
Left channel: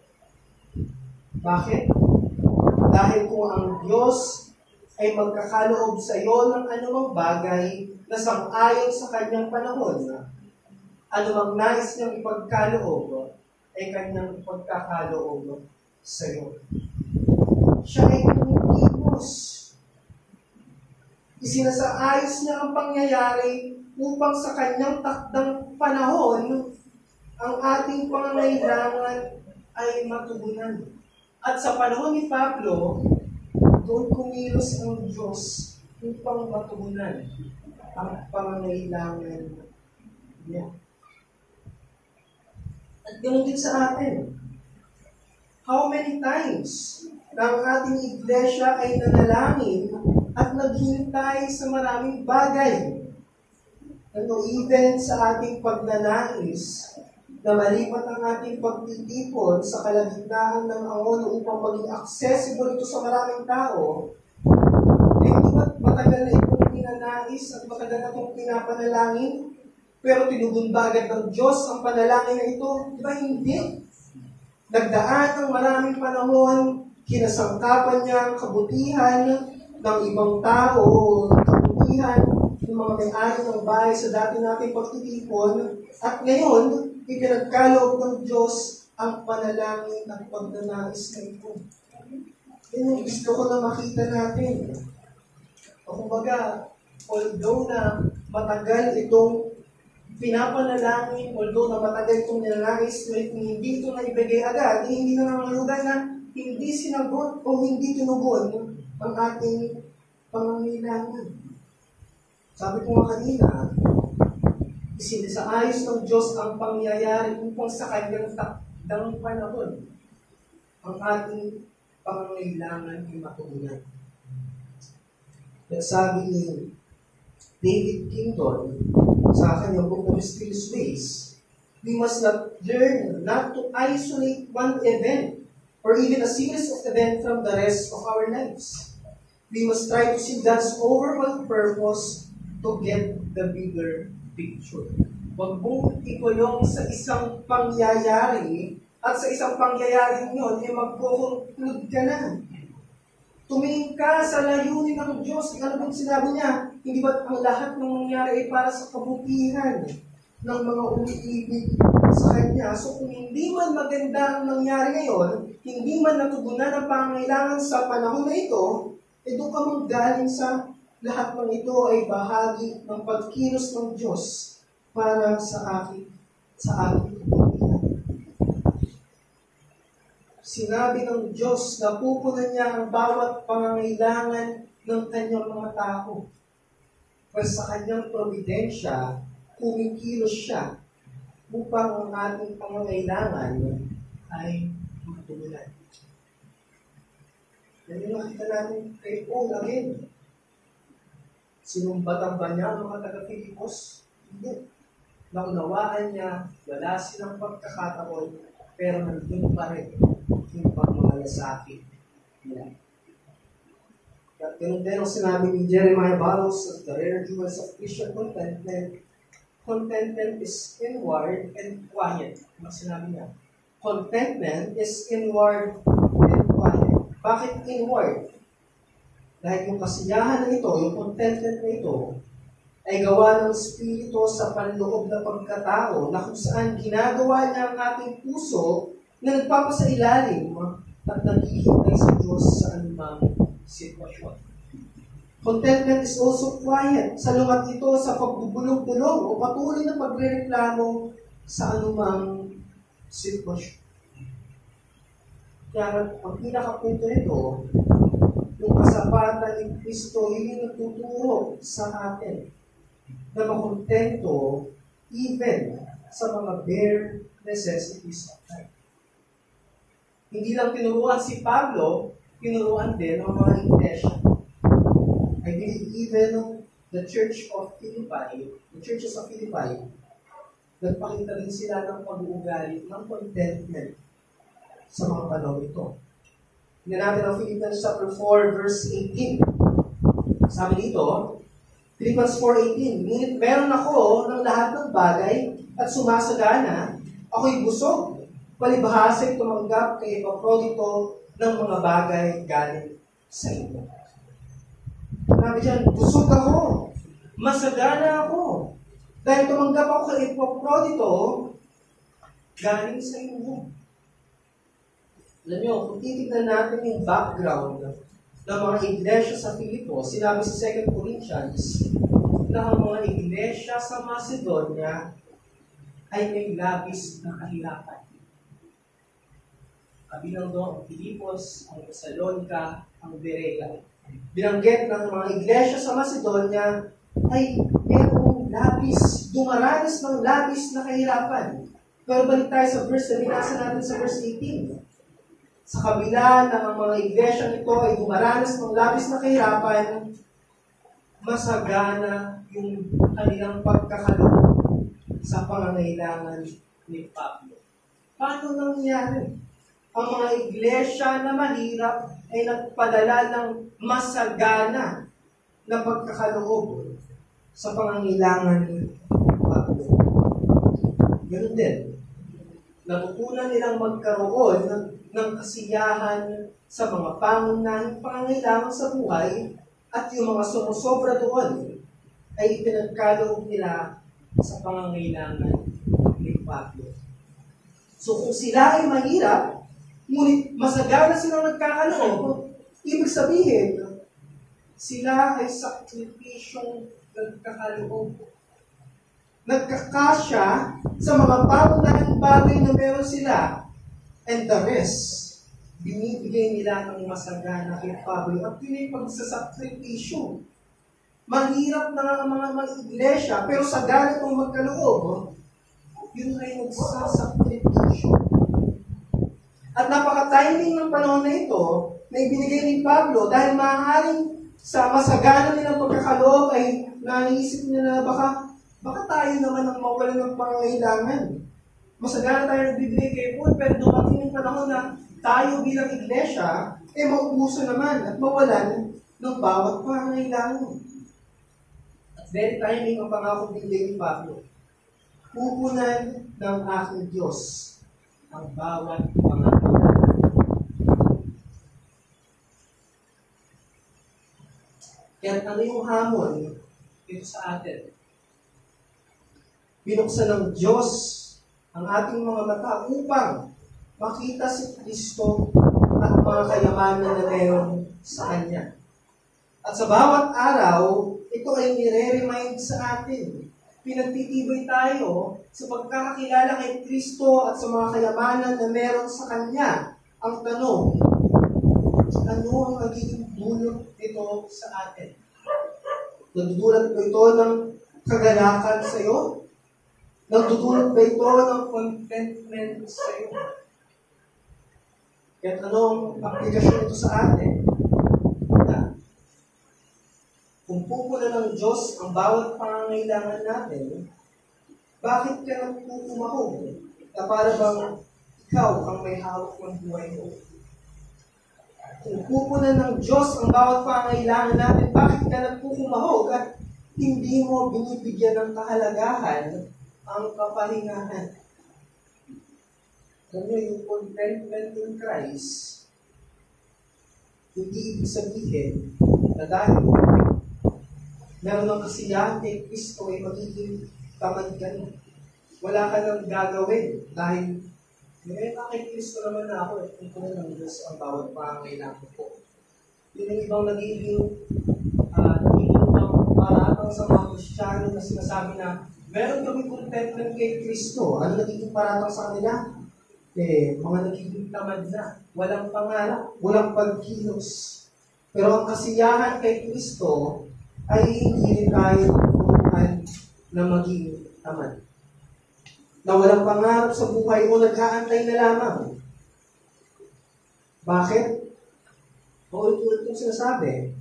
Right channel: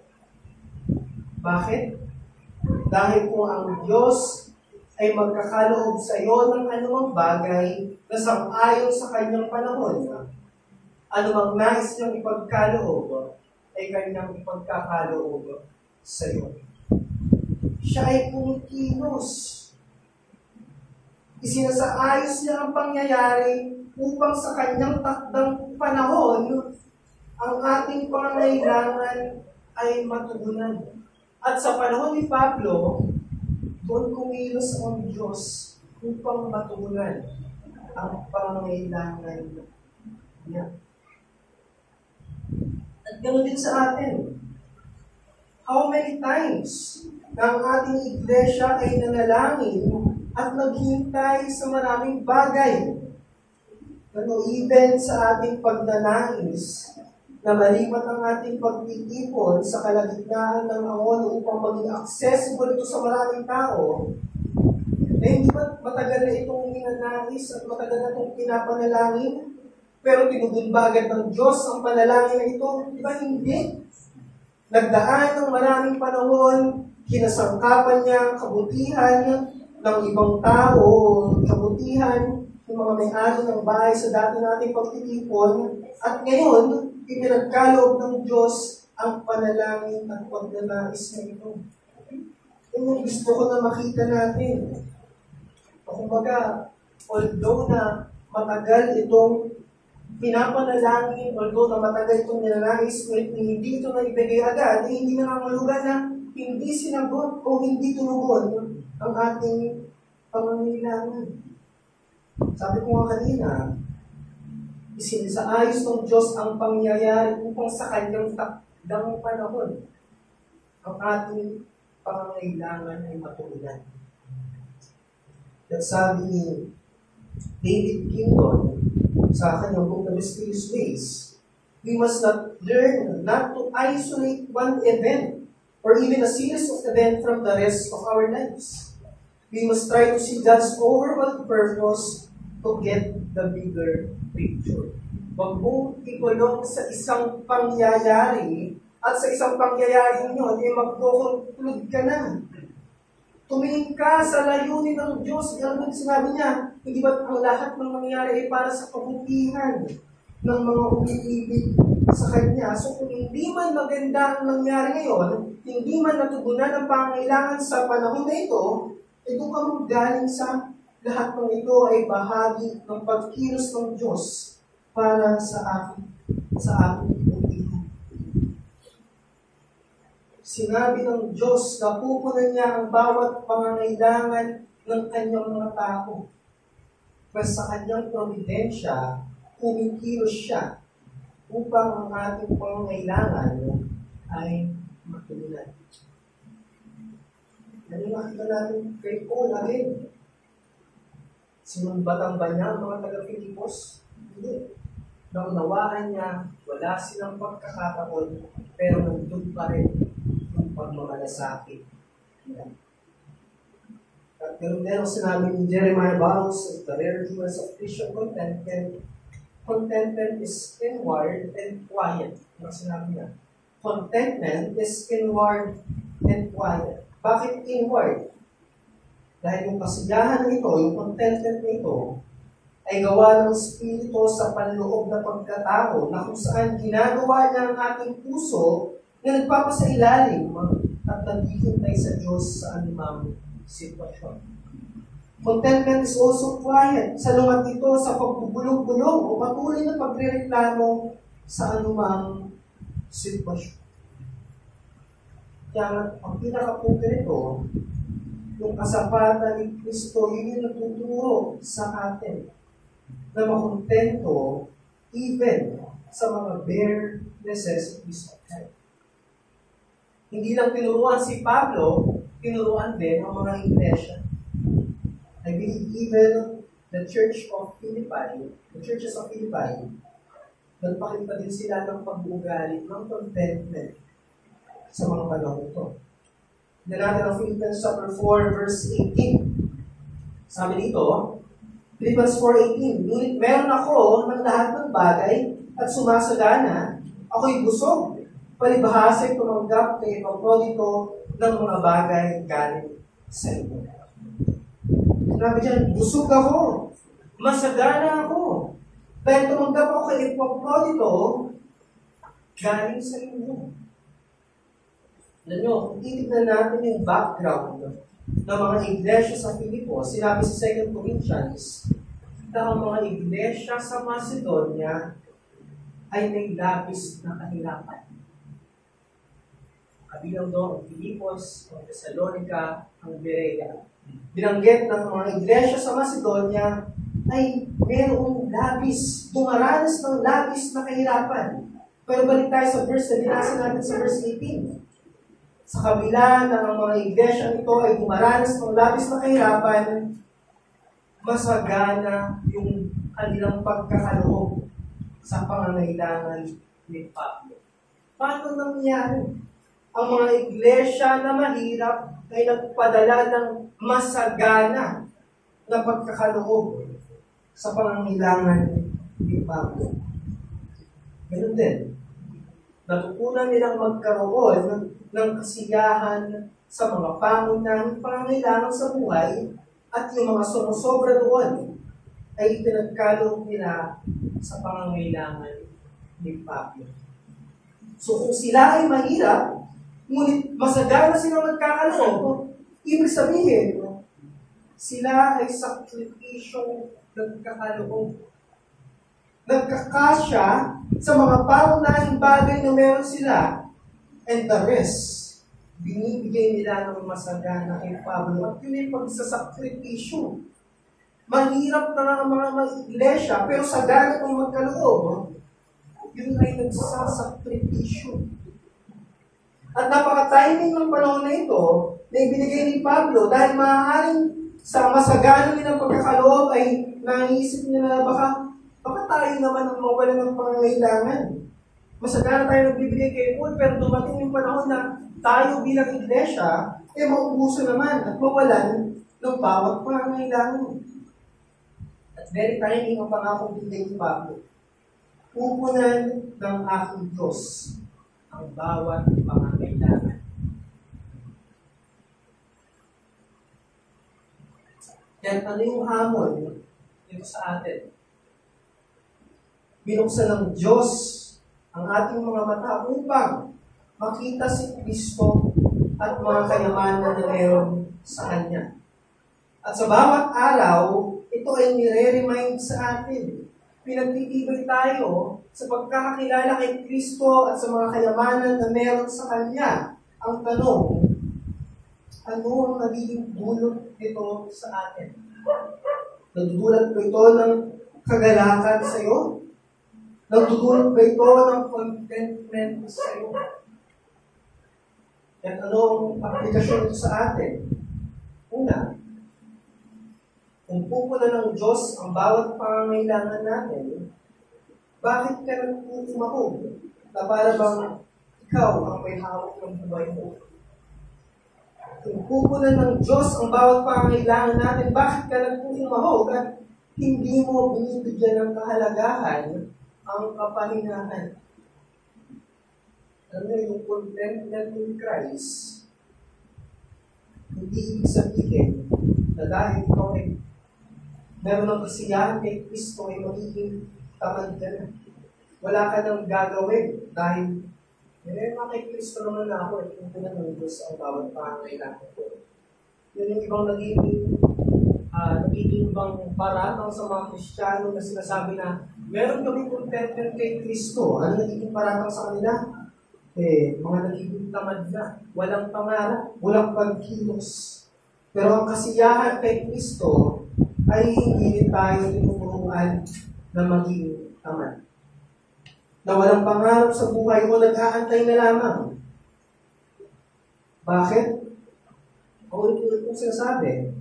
Bakit? Dahil kung ang Diyos ay magkakaloob sa iyo ng anumang bagay na sang-ayon sa kanyang panahon, anumang nais niyang ipagkaloob ay kanyang ipagkakaloob sa iyo. Siya ay kumikilos. Isinasaayos niya ang pangyayari upang sa kanyang takdang panahon, ang ating pangangailangan ay matugunan. At sa panahon ni Pablo, doon kumilos ang Diyos upang matugunan ang pangangailangan niya. At ganoon din sa atin. How many times na ang ating iglesia ay nanalangin at naghintay sa maraming bagay. Even sa ating pagnanais na malipat ang ating pagtitipon sa kalagitnaan ng angon upang maging accessible ito sa maraming tao, hindi ba matagal na itong pinanais at matagal na itong pinapanalangin? Pero tinugon ba agad ng Diyos ang panalangin na ito? Di ba hindi? Nagdaan ng maraming panahon, kinasangkapan niya ang kabutihan ng ibang tao, kabutihan ng mga may-ari ng bahay sa dati nating pagtitipon, at ngayon, ipinagkaloob ng Diyos ang panalangin at pagnanais na ito. Yan yung gusto ko na makita natin. Kumbaga, although na matagal itong pinapanalangin, although na matagal itong nilalangis, hindi ito na ibigay agad, hindi na nangangulugan na hindi sinagot o hindi tunugon ang ating pangangailangan. Sabi ko nga kanina, isinasaayos ng Diyos ang pangyayari upang sa kanyang takdang panahon ang ating pangangailangan ay matugunan. At sabi ni David Kingdon sa kanyang book na Mysterious Ways, we must not learn not to isolate one event or even a series of events from the rest of our lives. We must try to see God's overall purpose to get the bigger picture. Huwag mong ikulong sa isang pangyayari at sa isang pangyayaring yun, magkukonklud ka na. Tumingin ka sa layunin ng Diyos. Ano bang sinabi niya? Hindi ba ang lahat ng nangyari ay para sa kabutihan ng mga umiibig sa Kanya? So kung hindi man maganda ang nangyari ngayon, hindi man natugunan ang pangangailangan sa panahon na ito, doon ka mong galing sa lahat ng ito ay bahagi ng pagkilos ng Diyos para sa aking kabutihan. Sinabi ng Diyos na pupunan niya ang bawat pangangailangan ng kanyang mga tao. Pero sa kanyang providensya, kumikilos siya upang ang ating pangangailangan ay matugunan. Yan yung nakita natin kay Paul again. Sinumbatan ba niya ang mga taga-Filipos? Hindi. Naunawaan niya, wala silang pagkakataon, pero nandun pa rin yung pagmamalasakit nila. At ganun din ang sinabi ni Jeremiah Barros of the rare jewels of Christian contentment. Contentment is inward and quiet. Ang sinabi niya. Contentment is inward and quiet. Bakit inward? Dahil yung kasiyahan na ito, yung contentment na ito, ay gawa ng Espiritu sa panloob na pagkatao na kung saan ginagawa niya ang ating puso na nagpapasailalim at naghihintay sa Diyos sa anumang sitwasyon. Contentment is also quiet. Salungat ito sa pagbubulong-bulong o patuloy na pagrereklamo sa anumang sitwasyon. Kaya ang pinakapunto nito, yung kasapatan ni Kristo, yun yung nagtuturo sa atin na makontento even sa mga bare necessities of life. Hindi lang tinuruan si Pablo, tinuruan din ang mga iglesia. I believe even the churches of Philippi, nagpakita din sila ng pag-uugali ng contentment sa mga panahon ito. Hindi natin ang Philippians chapter 4, verse 18. Sabi dito, Philippians 4:18, ngunit meron ako ng lahat ng bagay at sumasagana, ako'y busog, palibhasa'y tumanggap kay Epaprodito ng mga bagay galing sa inyo. Sabi dyan, busog ako, masagana ako, dahil tumanggap ako kay Epaprodito galing sa inyo. Alam nyo, kung titignan natin yung background ng mga iglesia sa Filipos, sinabi sa 2 Corinthians na ang mga iglesia sa Macedonia ay may labis na kahirapan. Kabilang doon ang Filipos, ang Thessalonica, ang Berea. Binanggit ng mga iglesia sa Macedonia ay mayroong labis, dumaranas ng labis na kahirapan. Pero balik tayo sa verse na binasa natin sa verse 18. Sa kabila na ang mga iglesia nito ay dumaranas ng labis na kahirapan, masagana yung kanilang pagkakaloob sa pangangailangan ni Pablo. Paano nangyari? Ang mga iglesia na mahirap ay nagpadala ng masagana na pagkakaloob sa pangangailangan ni Pablo. Ganun din. Natutunan nilang magkaroon ng kasiyahan sa mga pangunahing pangangailangan sa buhay at yung mga sumusobra doon ay ipinagkaloob nila sa pangangailangan ni Pablo. So kung sila ay mahirap, ngunit masagana silang nagkakaloob, ibig sabihin, sila ay sakripisyong nagkakaloob. Nagkakasya sa mga pangunahing bagay na meron sila, and the rest, binibigay nila ng masagana kay Pablo. At yun yung pagsasakripisyo. Mahirap na ang mga iglesia, pero sagana kung magkaloob, yun ay nagsasakripisyo. At napaka-timing ng panahon na ito, na ibinigay ni Pablo, dahil maaaring sa masagana nilang pagkakaloob ay naisip nila baka tayo naman ang mawalan ng pangangailangan. Masagana tayo nagbibigay kay Paul, pero dumating yung panahon na tayo bilang iglesia, maubuso naman at mawalan ng bawat pangangailangan. At very timing ang pangako binigay ni Pablo. pupunan ng aking Diyos ang bawat pangangailangan. Kaya ano yung hamon dito sa atin? Binuksan ng Diyos ang ating mga mata upang makita si Kristo at mga kayamanan na meron sa Kanya. At sa bawat araw, ito ay nire-remind sa atin. Pinagtitibay tayo sa pagkakakilala kay Kristo at sa mga kayamanan na meron sa Kanya. Ang tanong, ano ang magiging dulot nito sa atin? Nagdudulot ba ito ng kagalakan sa iyo? Nagdudulot ba ito ng contentment sa iyo? At ano ang aplikasyon ito sa atin? Una, kung pupunan ng Diyos ang bawat pangangailangan natin, bakit ka nagpukumahog na para bang ikaw ang may hawak ng buhay mo? Kung pupunan ng Diyos ang bawat pangangailangan natin, bakit ka nagpukumahog at hindi mo binibigyan ng kahalagahan ang kapahingahan? Ano yung contentment in Christ, hindi ibig sabihin na dahil meron ng kasiyahan kay Kristo ay magiging tamad ka na. Wala ka nang gagawin dahil kay Kristo naman na ako at pupunan ng Diyos ang bawat pangangailangan ko. Yun yung ibang nagiging paratang sa mga Kristiyano na sinasabi na meron kami contentment kay Kristo. Ano nagiging paratang sa kanila? Mga nagiging tamad na. Walang pangarap, walang pagkilos. Pero ang kasiyahan kay Kristo ay hindi rin tayo tuturuan na maging tamad. Na walang pangarap sa buhay o nag-aantay na lamang. Bakit? Ulit-ulit kong sinasabi,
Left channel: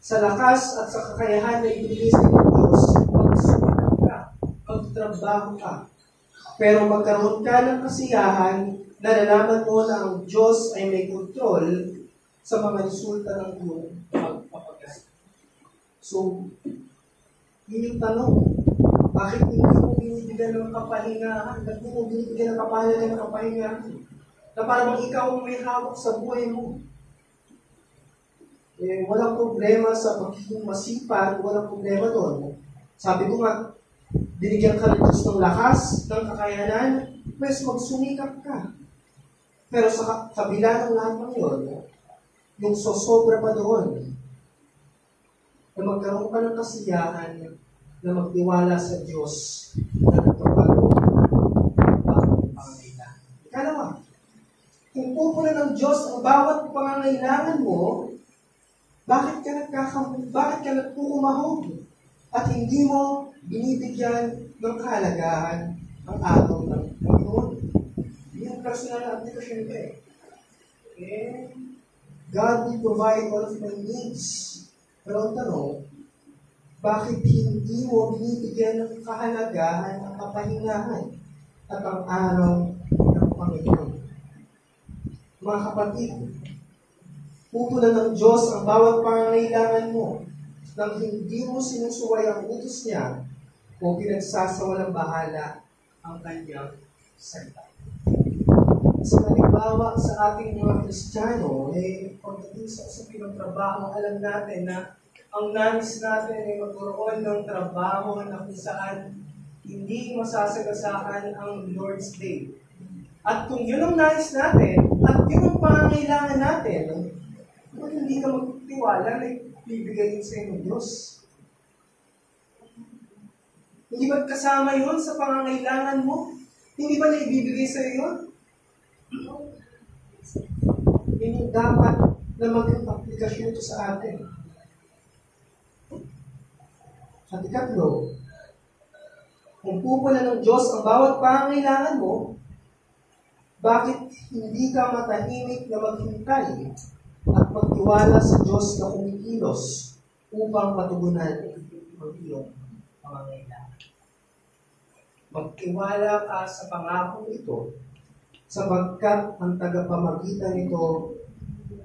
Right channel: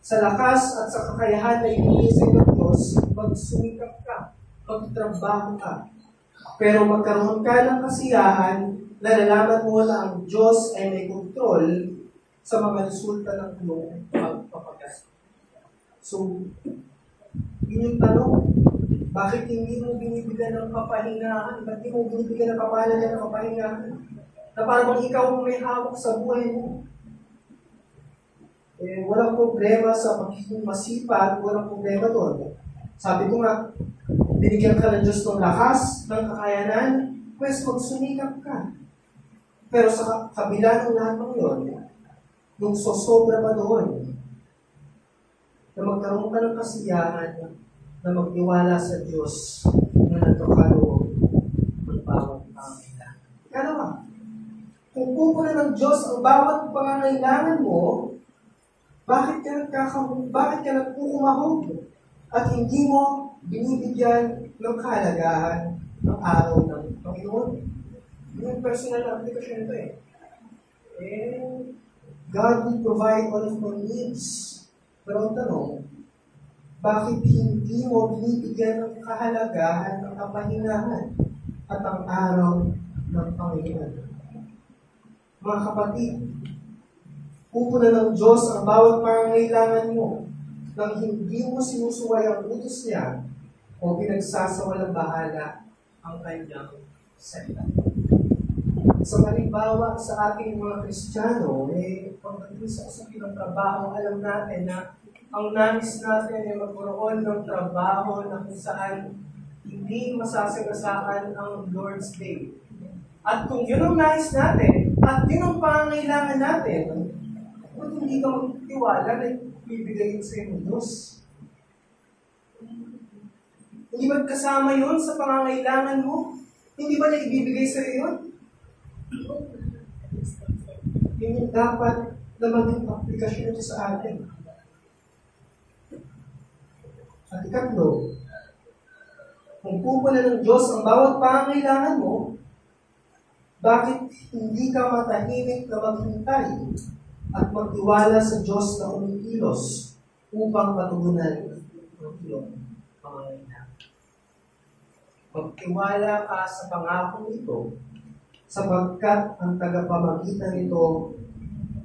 sa lakas at sa kakayahan na ibigay ng Diyos, magsumikap ka, magtrabaho ka. Pero magkaroon ka ng kasiyahan na nalaman mo na ang Diyos ay may kontrol sa mga resulta ng iyong pagpapagas. So, yun yung tanong. Bakit hindi mo binibigyan ng kapahingahan? Bakit hindi mo binibigyan ng kapahingahan? Na parang ikaw ang may hawak sa buhay mo. Walang problema sa pagiging masipag, walang problema doon. Sabi ko nga, binigyan ka ng Diyos ng lakas, ng kakayanan, pues magsumikap ka. Pero sa kabila ng lahat ng yun, yung sosobra pa doon, na magkaroon ka ng kasiyahan na magtiwala sa Diyos na natupalo ang bawat pangangailangan. Ikalawa, kung pupunan ng Diyos ang bawat pangangailangan mo, bakit ka nagpukumahog at hindi mo binibigyan ng kahalagahan ng araw ng Panginoon? Yung personal na application nito God will provide all of my needs. Pero ang tanong, bakit hindi mo binibigyan ng kahalagahan ng kapahingahan at ang araw ng Panginoon? Mga kapatid, pupunan ng Diyos ang bawat pangangailangan mo nang hindi mo sinusuway ang utos niya o pinagsasawalang bahala ang kanyang salita. So, halimbawa sa ating mga Kristiyano, pagdating sa usapin ng trabaho, alam natin na ang nais natin ay magkaroon ng trabaho na kung saan hindi masasagasaan ang Lord's Day. At kung yun ang nais natin, at yun ang pangangailangan natin, kung hindi ka magtiwala na ibibigay yun sa iyong Diyos. Hindi ba kasama yun sa pangangailangan mo? Hindi ba niya ibibigay sa iyo yun? Yun yung dapat na maging aplikasyon ito sa atin. At ikatlo, kung pupunan ng Diyos ang bawat pangangailangan mo, bakit hindi ka matahimik na maghintay at magtiwala sa Diyos na kumikilos upang matugunan ang iyong pangangailangan? Magtiwala ka sa pangakong ito sapagkat ang tagapamagitan nito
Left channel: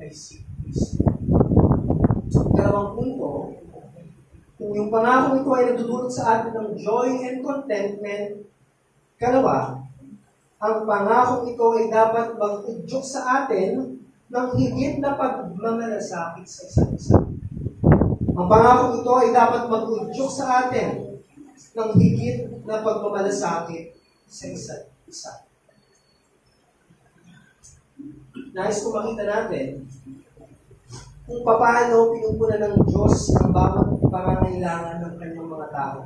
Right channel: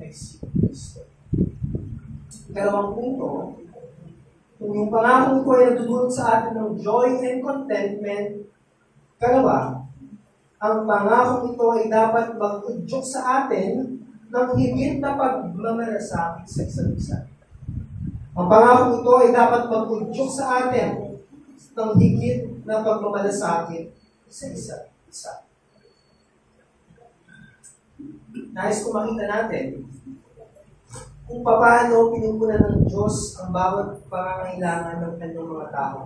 ay si Kristo. Dalawang punto, kung yung pangakong ito ay nagdudulot sa atin ng joy and contentment, Kalawa, ang pangakong ito ay dapat mag-udyok sa atin ng higit na pagmamalasakit sa isa't isa. Ang pangakong ito ay dapat mag-udyok sa atin ng higit na pagmamalasakit sa isa't isa. Nais ko makita natin kung paano pinupunan ng Diyos ang bawat pangangailangan ng kanyang mga tao.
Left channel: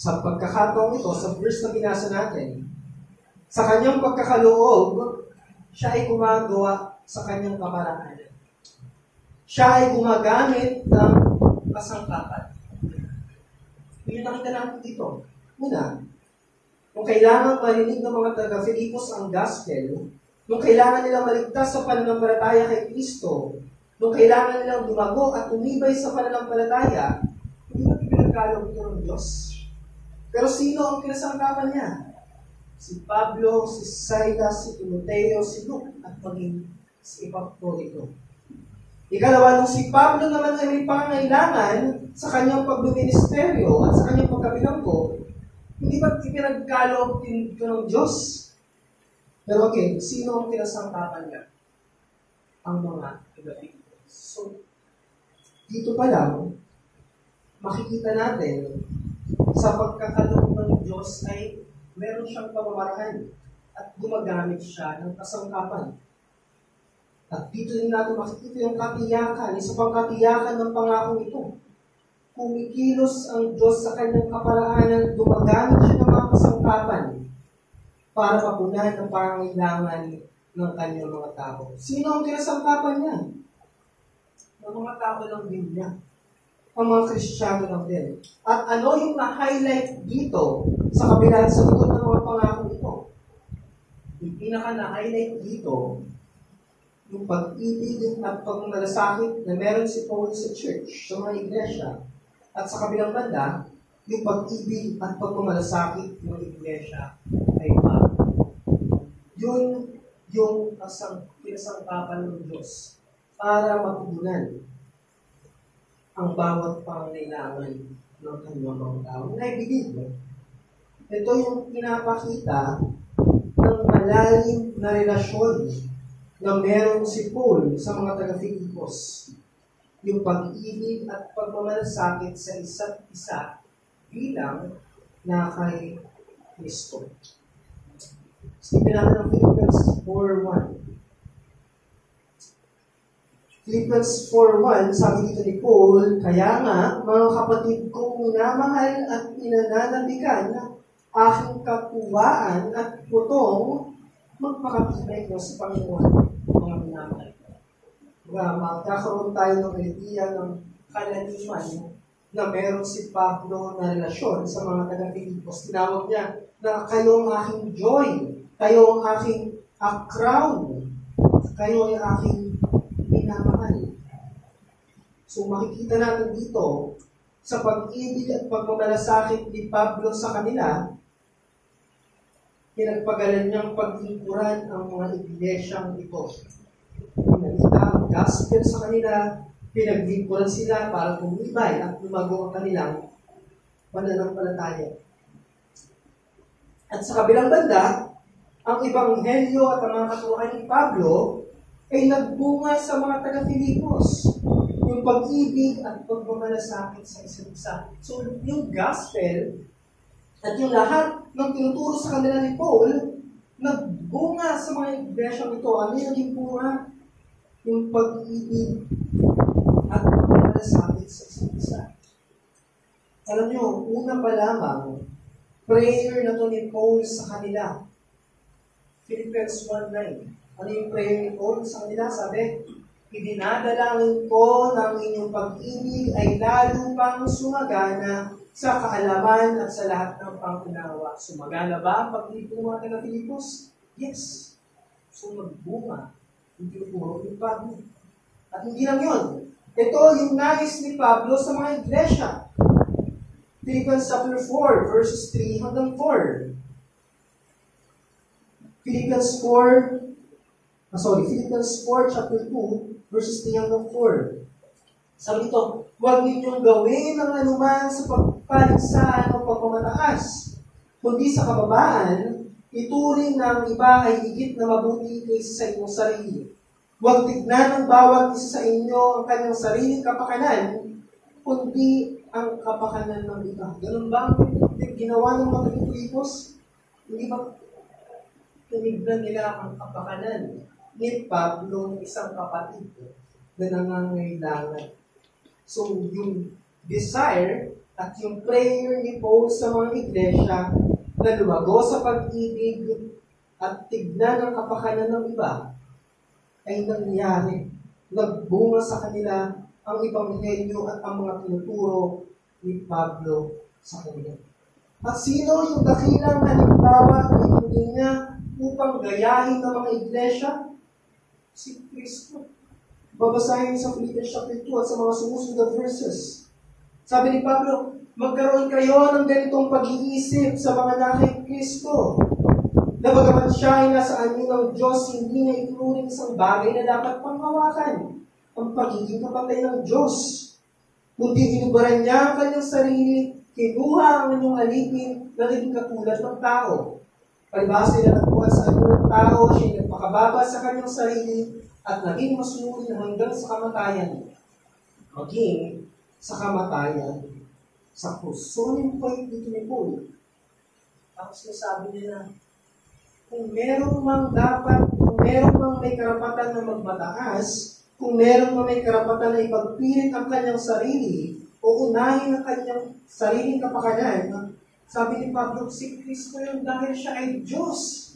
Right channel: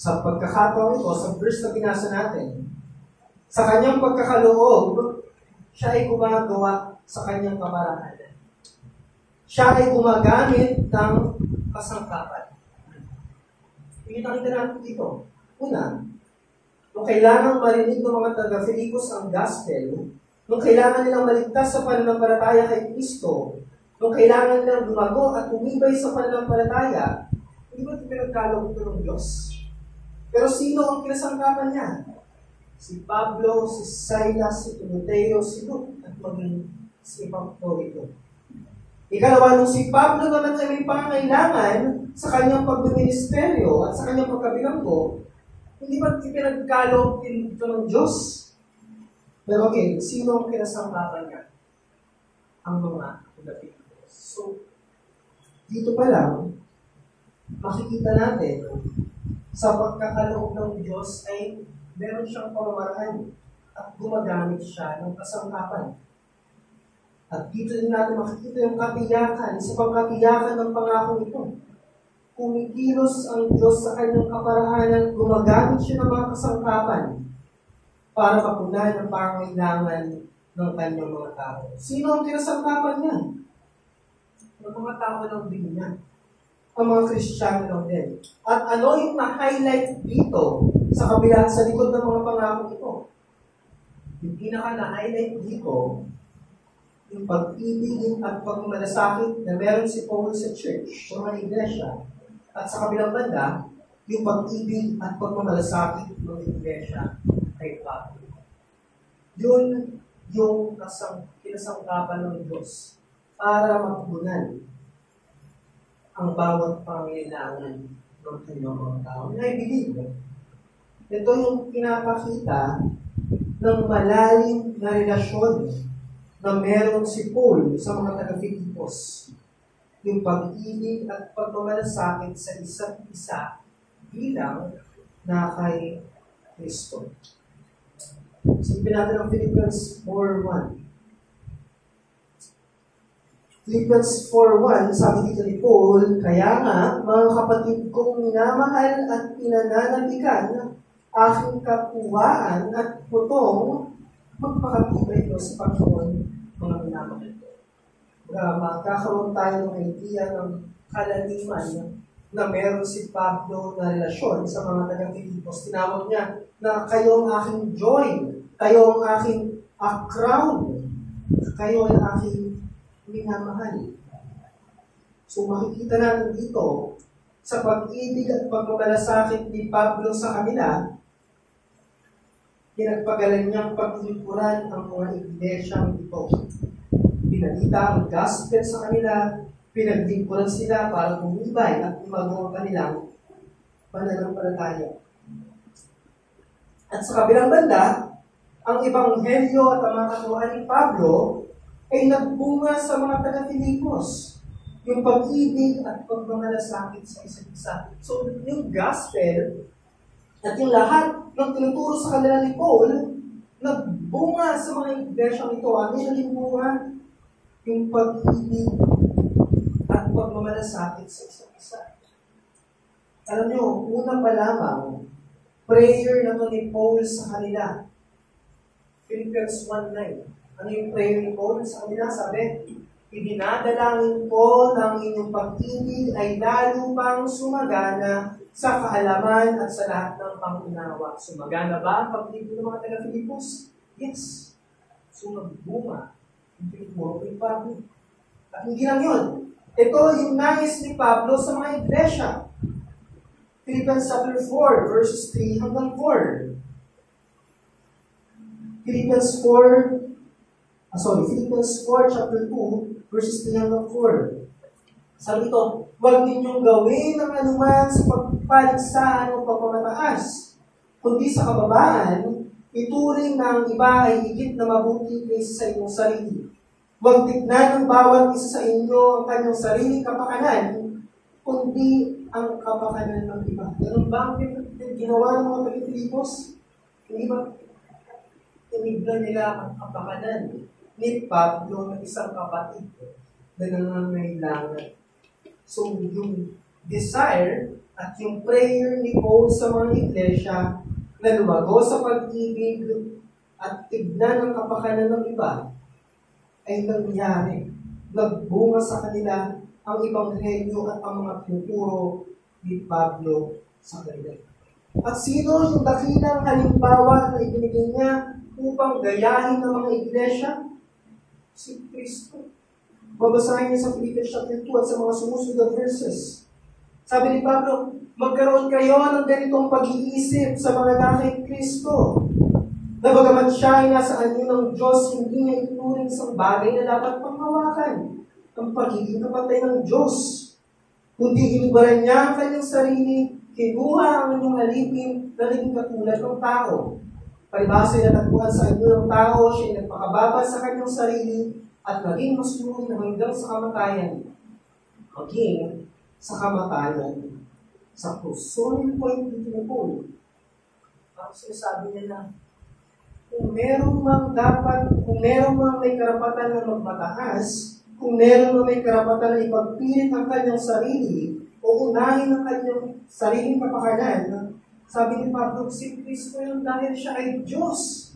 Sa pagkakataon ito, sa verse na binasa natin, sa kanyang pagkakaloob, siya ay gumagawa sa kanyang kamaraan. Siya ay gumagamit ng kasangkapan. Yung nakita natin dito. Una, nung kailangan marinig ng mga taga-Filipos ang gospel, nung kailangan nilang maligtas sa pananampalataya kay Kristo, nung kailangan nilang lumago at tumibay sa pananampalataya, hindi ba pinagkaloob ito ng Diyos? Pero sino ang kinasangkapan niya? Si Pablo, si Silas, si Timoteo, si Luke, at maging si Epaphrodito. Ikalawa, nung si Pablo naman ay may pangangailangan sa kanyang pagbiministeryo at sa kanyang pagkabilanggo, hindi ba ipinagkaloob ito ng Diyos? Pero okay, sino ang kinasangkapan niya? Ang mga taga-Filipos. So, dito pa lang, makikita natin sa pagkakaloob ng Diyos ay meron siyang pamamaraan at gumagamit siya ng kasangkapan. At dito din natin makikita yung katiyakan, isa pang katiyakan ng pangakong ito. Kumikilos ang Diyos sa kanyang kaparaanan, gumagamit siya ng mga kasangkapan para mapunan ang pangangailangan ng kanyang mga tao. Sino ang kinasangkapan niya? Ang mga tao lang din niya. Ang mga Kristiyano lang din. At ano yung na-highlight dito sa kabila sa likod ng mga pangako ito? Yung pinaka na-highlight dito, yung pag-ibig at pagmamalasakit na meron si Paul sa church, sa mga iglesia, at sa kabilang banda, yung pag-ibig at pagmamalasakit ng iglesia ay Pablo. Yun yung kinasangkapan ng Diyos para mapunan ang bawat pangangailangan ng kanyang mga tao. And I believe, ito yung pinapakita ng malalim na relasyon na meron si Paul sa mga taga-Filipos. Yung pag-ibig at pagmamalasakit sa isa't isa bilang na kay Kristo. Isipin natin ang Philippians 4:1. Philippians 4:1, sabi dito ni Paul, kaya nga, mga kapatid kong minamahal at pinananabikan, aking kapuwaan at putong, magpakatibay ko sa Panginoon, mga minamahal ko. Magkakaroon tayo ng idea ng kalaliman na meron si Pablo na relasyon sa mga taga-Filipos. Tinawag niya na kayo ang aking joy, kayo ang aking crown, kayo ang aking minamahal. So makikita natin dito sa pag-ibig at pagmamalasakit ni Pablo sa kanila, pinagpagalan niyang paglingkuran ang mga iglesyang ito. Pinalita ang gospel sa kanila, pinaglingkuran sila para tumibay at lumago ang kanilang pananampalataya. At sa kabilang banda, ang ebanghelyo at ang mga katuruan ni Pablo ay nagbunga sa mga taga-Filipos. Yung pag-ibig at pagmamalasakit sa isa't isa. So, yung gospel at yung lahat ng tinuturo sa kanila ni Paul, nagbunga sa mga iglesyang ito. Ano yung naging bunga? Yung pag-ibig at pagmamalasakit sa isa't isa. Alam nyo, una pa lamang, prayer na to ni Paul sa kanila. Philippians 1:9. Ano yung prayer ni Paul sa kanila? Sabi, idinadalangin ko ng inyong pag-ibig ay lalo pang sumagana sa kaalaman at sa lahat ng pangunawa. Sumagana ba ang pag-ibig ng mga taga-Filipos? Yes. So nagbunga. Hindi puro ni Pablo. At hindi lang yun. Ito yung nais ni Pablo sa mga iglesia. Philippians chapter 4, verses 3 hanggang 4. Philippians 4, chapter 2, verses 3 hanggang 4. Sabi ito, huwag ninyong gawin ang anuman sa pagpaligsahan o pagpamataas. kundi sa kababaan, ituring na ang iba ay higit na mabuti kaysa sa inyong sarili. Huwag tignan ng bawat isa sa inyo ang kanyang sariling kapakanan, kundi ang kapakanan ng iba. Ganun ba ang ginawa ng mga Pilipos? Hindi ba tinignan nila ang kapakanan ni Pablo ng isang kapatid na nangangailangan? So, yung desire at yung prayer ni Paul sa mga iglesia na lumago sa pag-ibig at tignan ang kapakanan ng iba ay nangyari. Nagbunga sa kanila ang Ebanghelyo at ang mga tinuturo ni Pablo sa kanila. At sino yung dakilang halimbawa na ibinigay niya upang gayahin ng mga iglesia? Si Kristo. Babasahin sa Philippians chapter 2 at sa mga sumusunod na verses. Sabi ni Pablo, magkaroon kayo ng ganitong pag-iisip sa mga anak kay Kristo. Na bagaman siya ay nasa anyo ng Diyos, hindi niya ituring isang bagay na dapat panghawakan ang pagiging kapatay ng Diyos. Kundi inubaran niya ang kanyang sarili, kinuha ang inyong alipin na naging katulad ng tao. Palibasa na natagpuan sa anyo ng tao, siya nagpakababa sa kanyang sarili at naging masunod na hanggang sa kamatayan. Maging sa kamatayan sa krus. So, yung point dito ni Paul, ang sinasabi niya na, kung meron mang may karapatan na magmataas, kung meron mang may karapatan na ipagpilit ang kanyang sarili, o unahin ang kanyang sariling kapakanan, sabi ni Pablo, si Kristo yun dahil siya ay Diyos.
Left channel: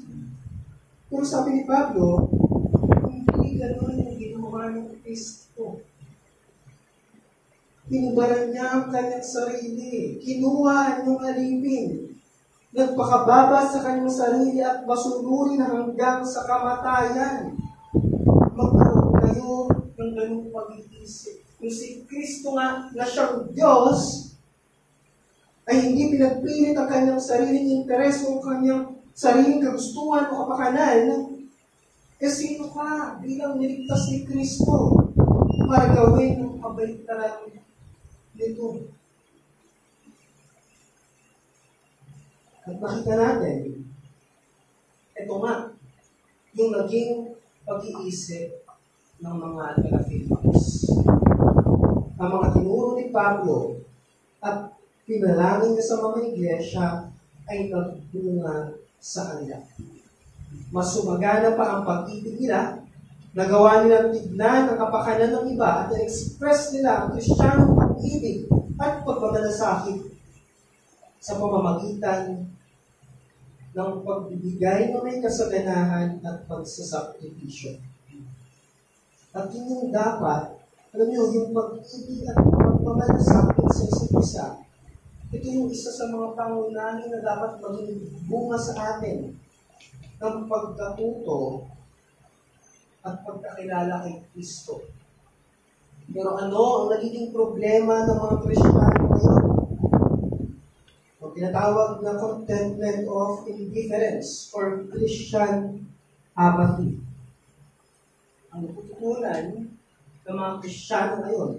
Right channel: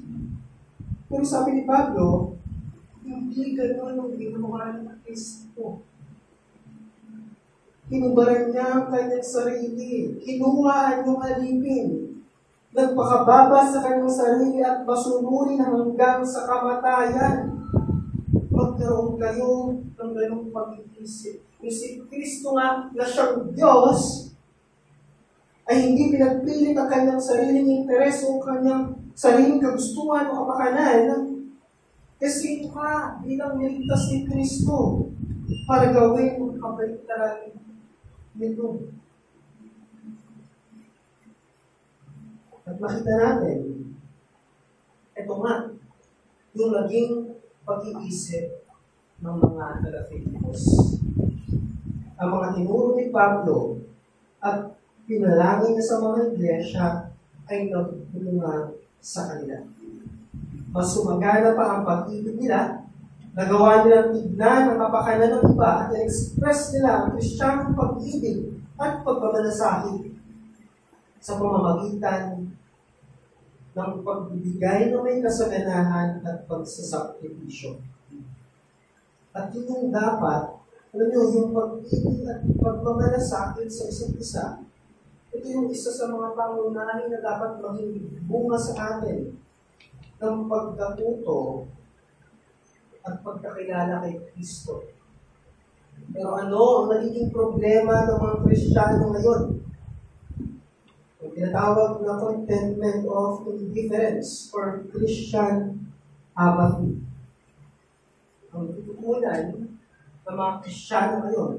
Pero sabi ni Pablo, hindi gano'n yung ginawa ng Kristo. Kinubaran niya ang kanyang sarili. Kinuha yung alipin. Nagpakababa sa kanyang sarili at masunurin hanggang sa kamatayan. Magkaroon kayo ng ganong pag-iisip. Kung si Kristo nga na siyang Diyos, ay hindi pinagpilit ang kanyang sariling interes o kanyang sariling kagustuhan o kapakanan, sino ka bilang niligtas ni Kristo para gawin ang kabaliktaran nito? At makita natin, ito nga, yung naging pag-iisip ng mga taga-Filipos. Ang mga tinuro ni Pablo at pinalangin niya sa mga iglesia ay nagbunga sa kanila. Mas sumagana pa ang pag-ibig nila, nagawa nilang tignan ang kapakanan ng iba at na-express nila ang Kristiyanong pag-ibig at pagmamalasakit sa pamamagitan ng pagbibigay na may kasaganahan at pagsasakripisyo. At yun yung dapat, alam nyo, yung pag-ibig at pagmamalasakit sa isa't isa, ito yung isa sa mga pangunahin na dapat maging bunga sa atin ng pagkatuto at pagkakilala kay Kristo. Pero ano ang nagiging problema ng mga Kristiyano ngayon? Ang tinatawag na contentment of indifference or Christian apathy. Ang tututunan ng mga Kristiyano ngayon,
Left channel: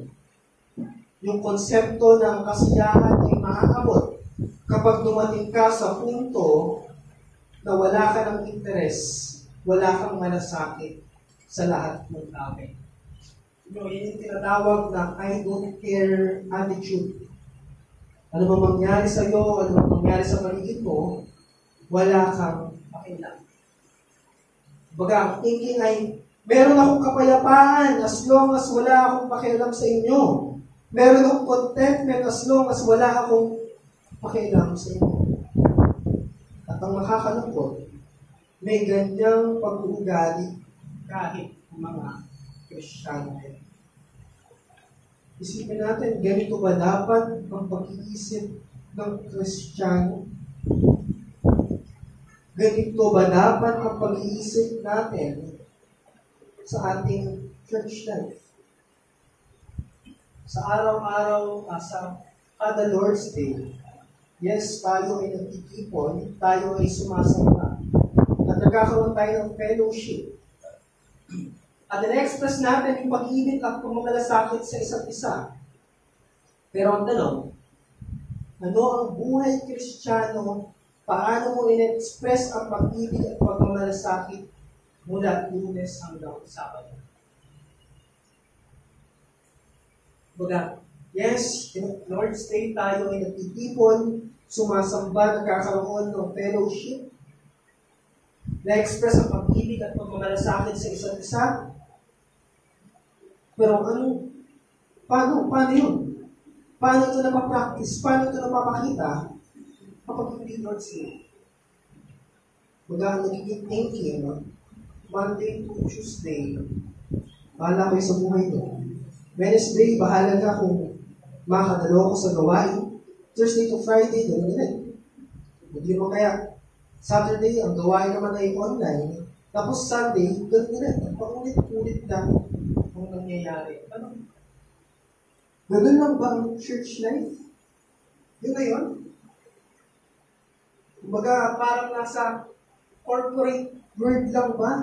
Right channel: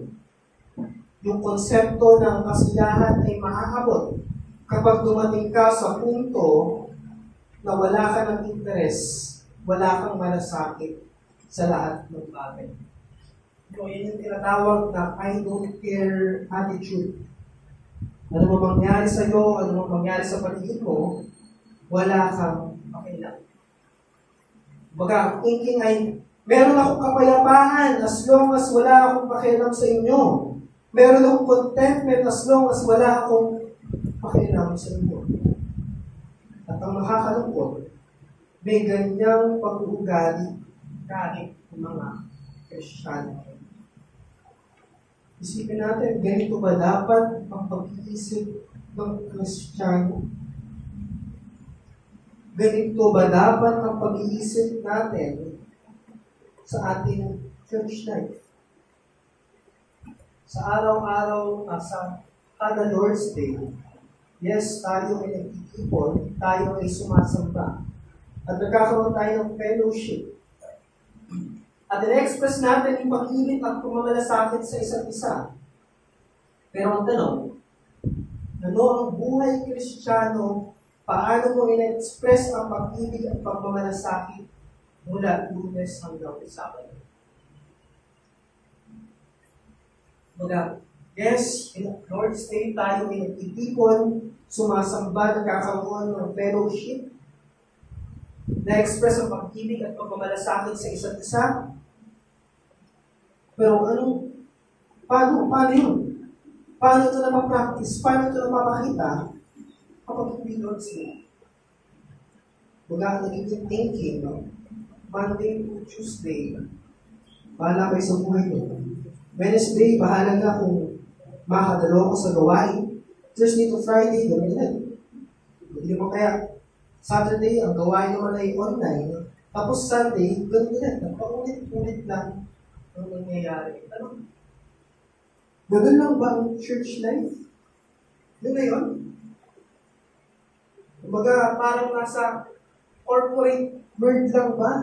yung konsepto ng kasiyahan ay maaabot kapag dumating ka sa punto na wala ka ng interes, wala kang malasakit sa lahat ng bagay. Yun yung tinatawag na I don't care attitude. Ano ba mangyari sa iyo, ano ba mangyari sa paligid mo, wala kang pakialam. Baga, ang thinking ay, meron akong kapayapaan as long as wala akong pakialam sa inyo. Meron akong contentment as long as wala akong pakialam sa inyo. At ang nakakalungkot, may ganyang pag-uugali kahit mga Kristiyano. Isipin natin, ganito ba dapat ang pag-iisip ng Kristiyano? Ganito ba dapat ang pag-iisip natin sa ating church life? Sa araw-araw, sa kada Lord's Day, yes, tayo ay nagtitipon, tayo ay sumasamba. At nagkakaroon tayo ng fellowship. At in-express natin yung pag-ibig at pumamalasakit sa isa't isa. Pero ang tanong, ano ang buhay Kristiyano Paano mo in-express ang pag-ibig at pagmamalasakit mula Lunes hanggang Sabado? Baga, yes, Lord's Day tayo ay nagtitipon, sumasamba, nagkakaroon ng fellowship, na-express ang pag-ibig at pagmamalasakit sa isa't isa. Pero paano yun? Paano ito napapractice? Paano ito napapakita kapag hindi Lord's Day? Baga, nagiging thinking, Monday to Tuesday, bahala kayo sa buhay nyo. Wednesday, bahala na kung makakadalo ko sa gawain. Thursday to Friday, gano'n yan. Hindi mo kaya. Saturday, ang gawain naman ay online. Tapos Sunday, gano'n yan. Paulit-ulit lang ang nangyayari. Ano? Gano'n lang ba ang church life? Yun na yun? Kumbaga, parang nasa corporate world lang ba?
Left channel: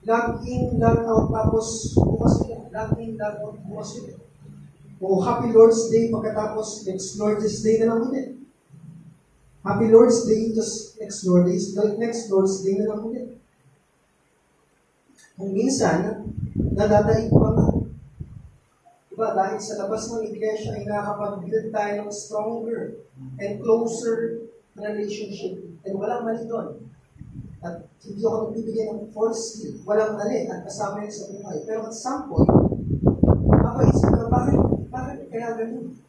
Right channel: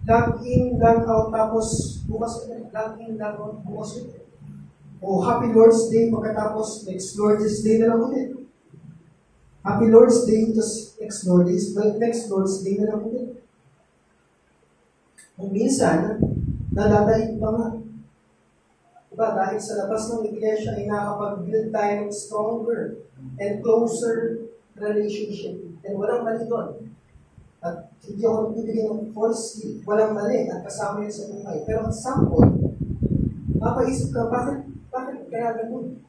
Log in, log out, tapos bukas ulit. Log in, log out, bukas ulit. O Happy Lord's Day, pagkatapos next Lord's Day na lang ulit. Happy Lord's Day, tapos next Lord's Day na lang ulit. Kung minsan, nadadaig pa nga. Diba, dahil sa labas ng iglesia ay nakakapag-build tayo ng stronger and closer relationship. And walang mali doon. At hindi ako nagbibigay ng false gift. Walang mali at kasama yun sa buhay. Pero at some point, mapaisip ka, bakit kaya ganun?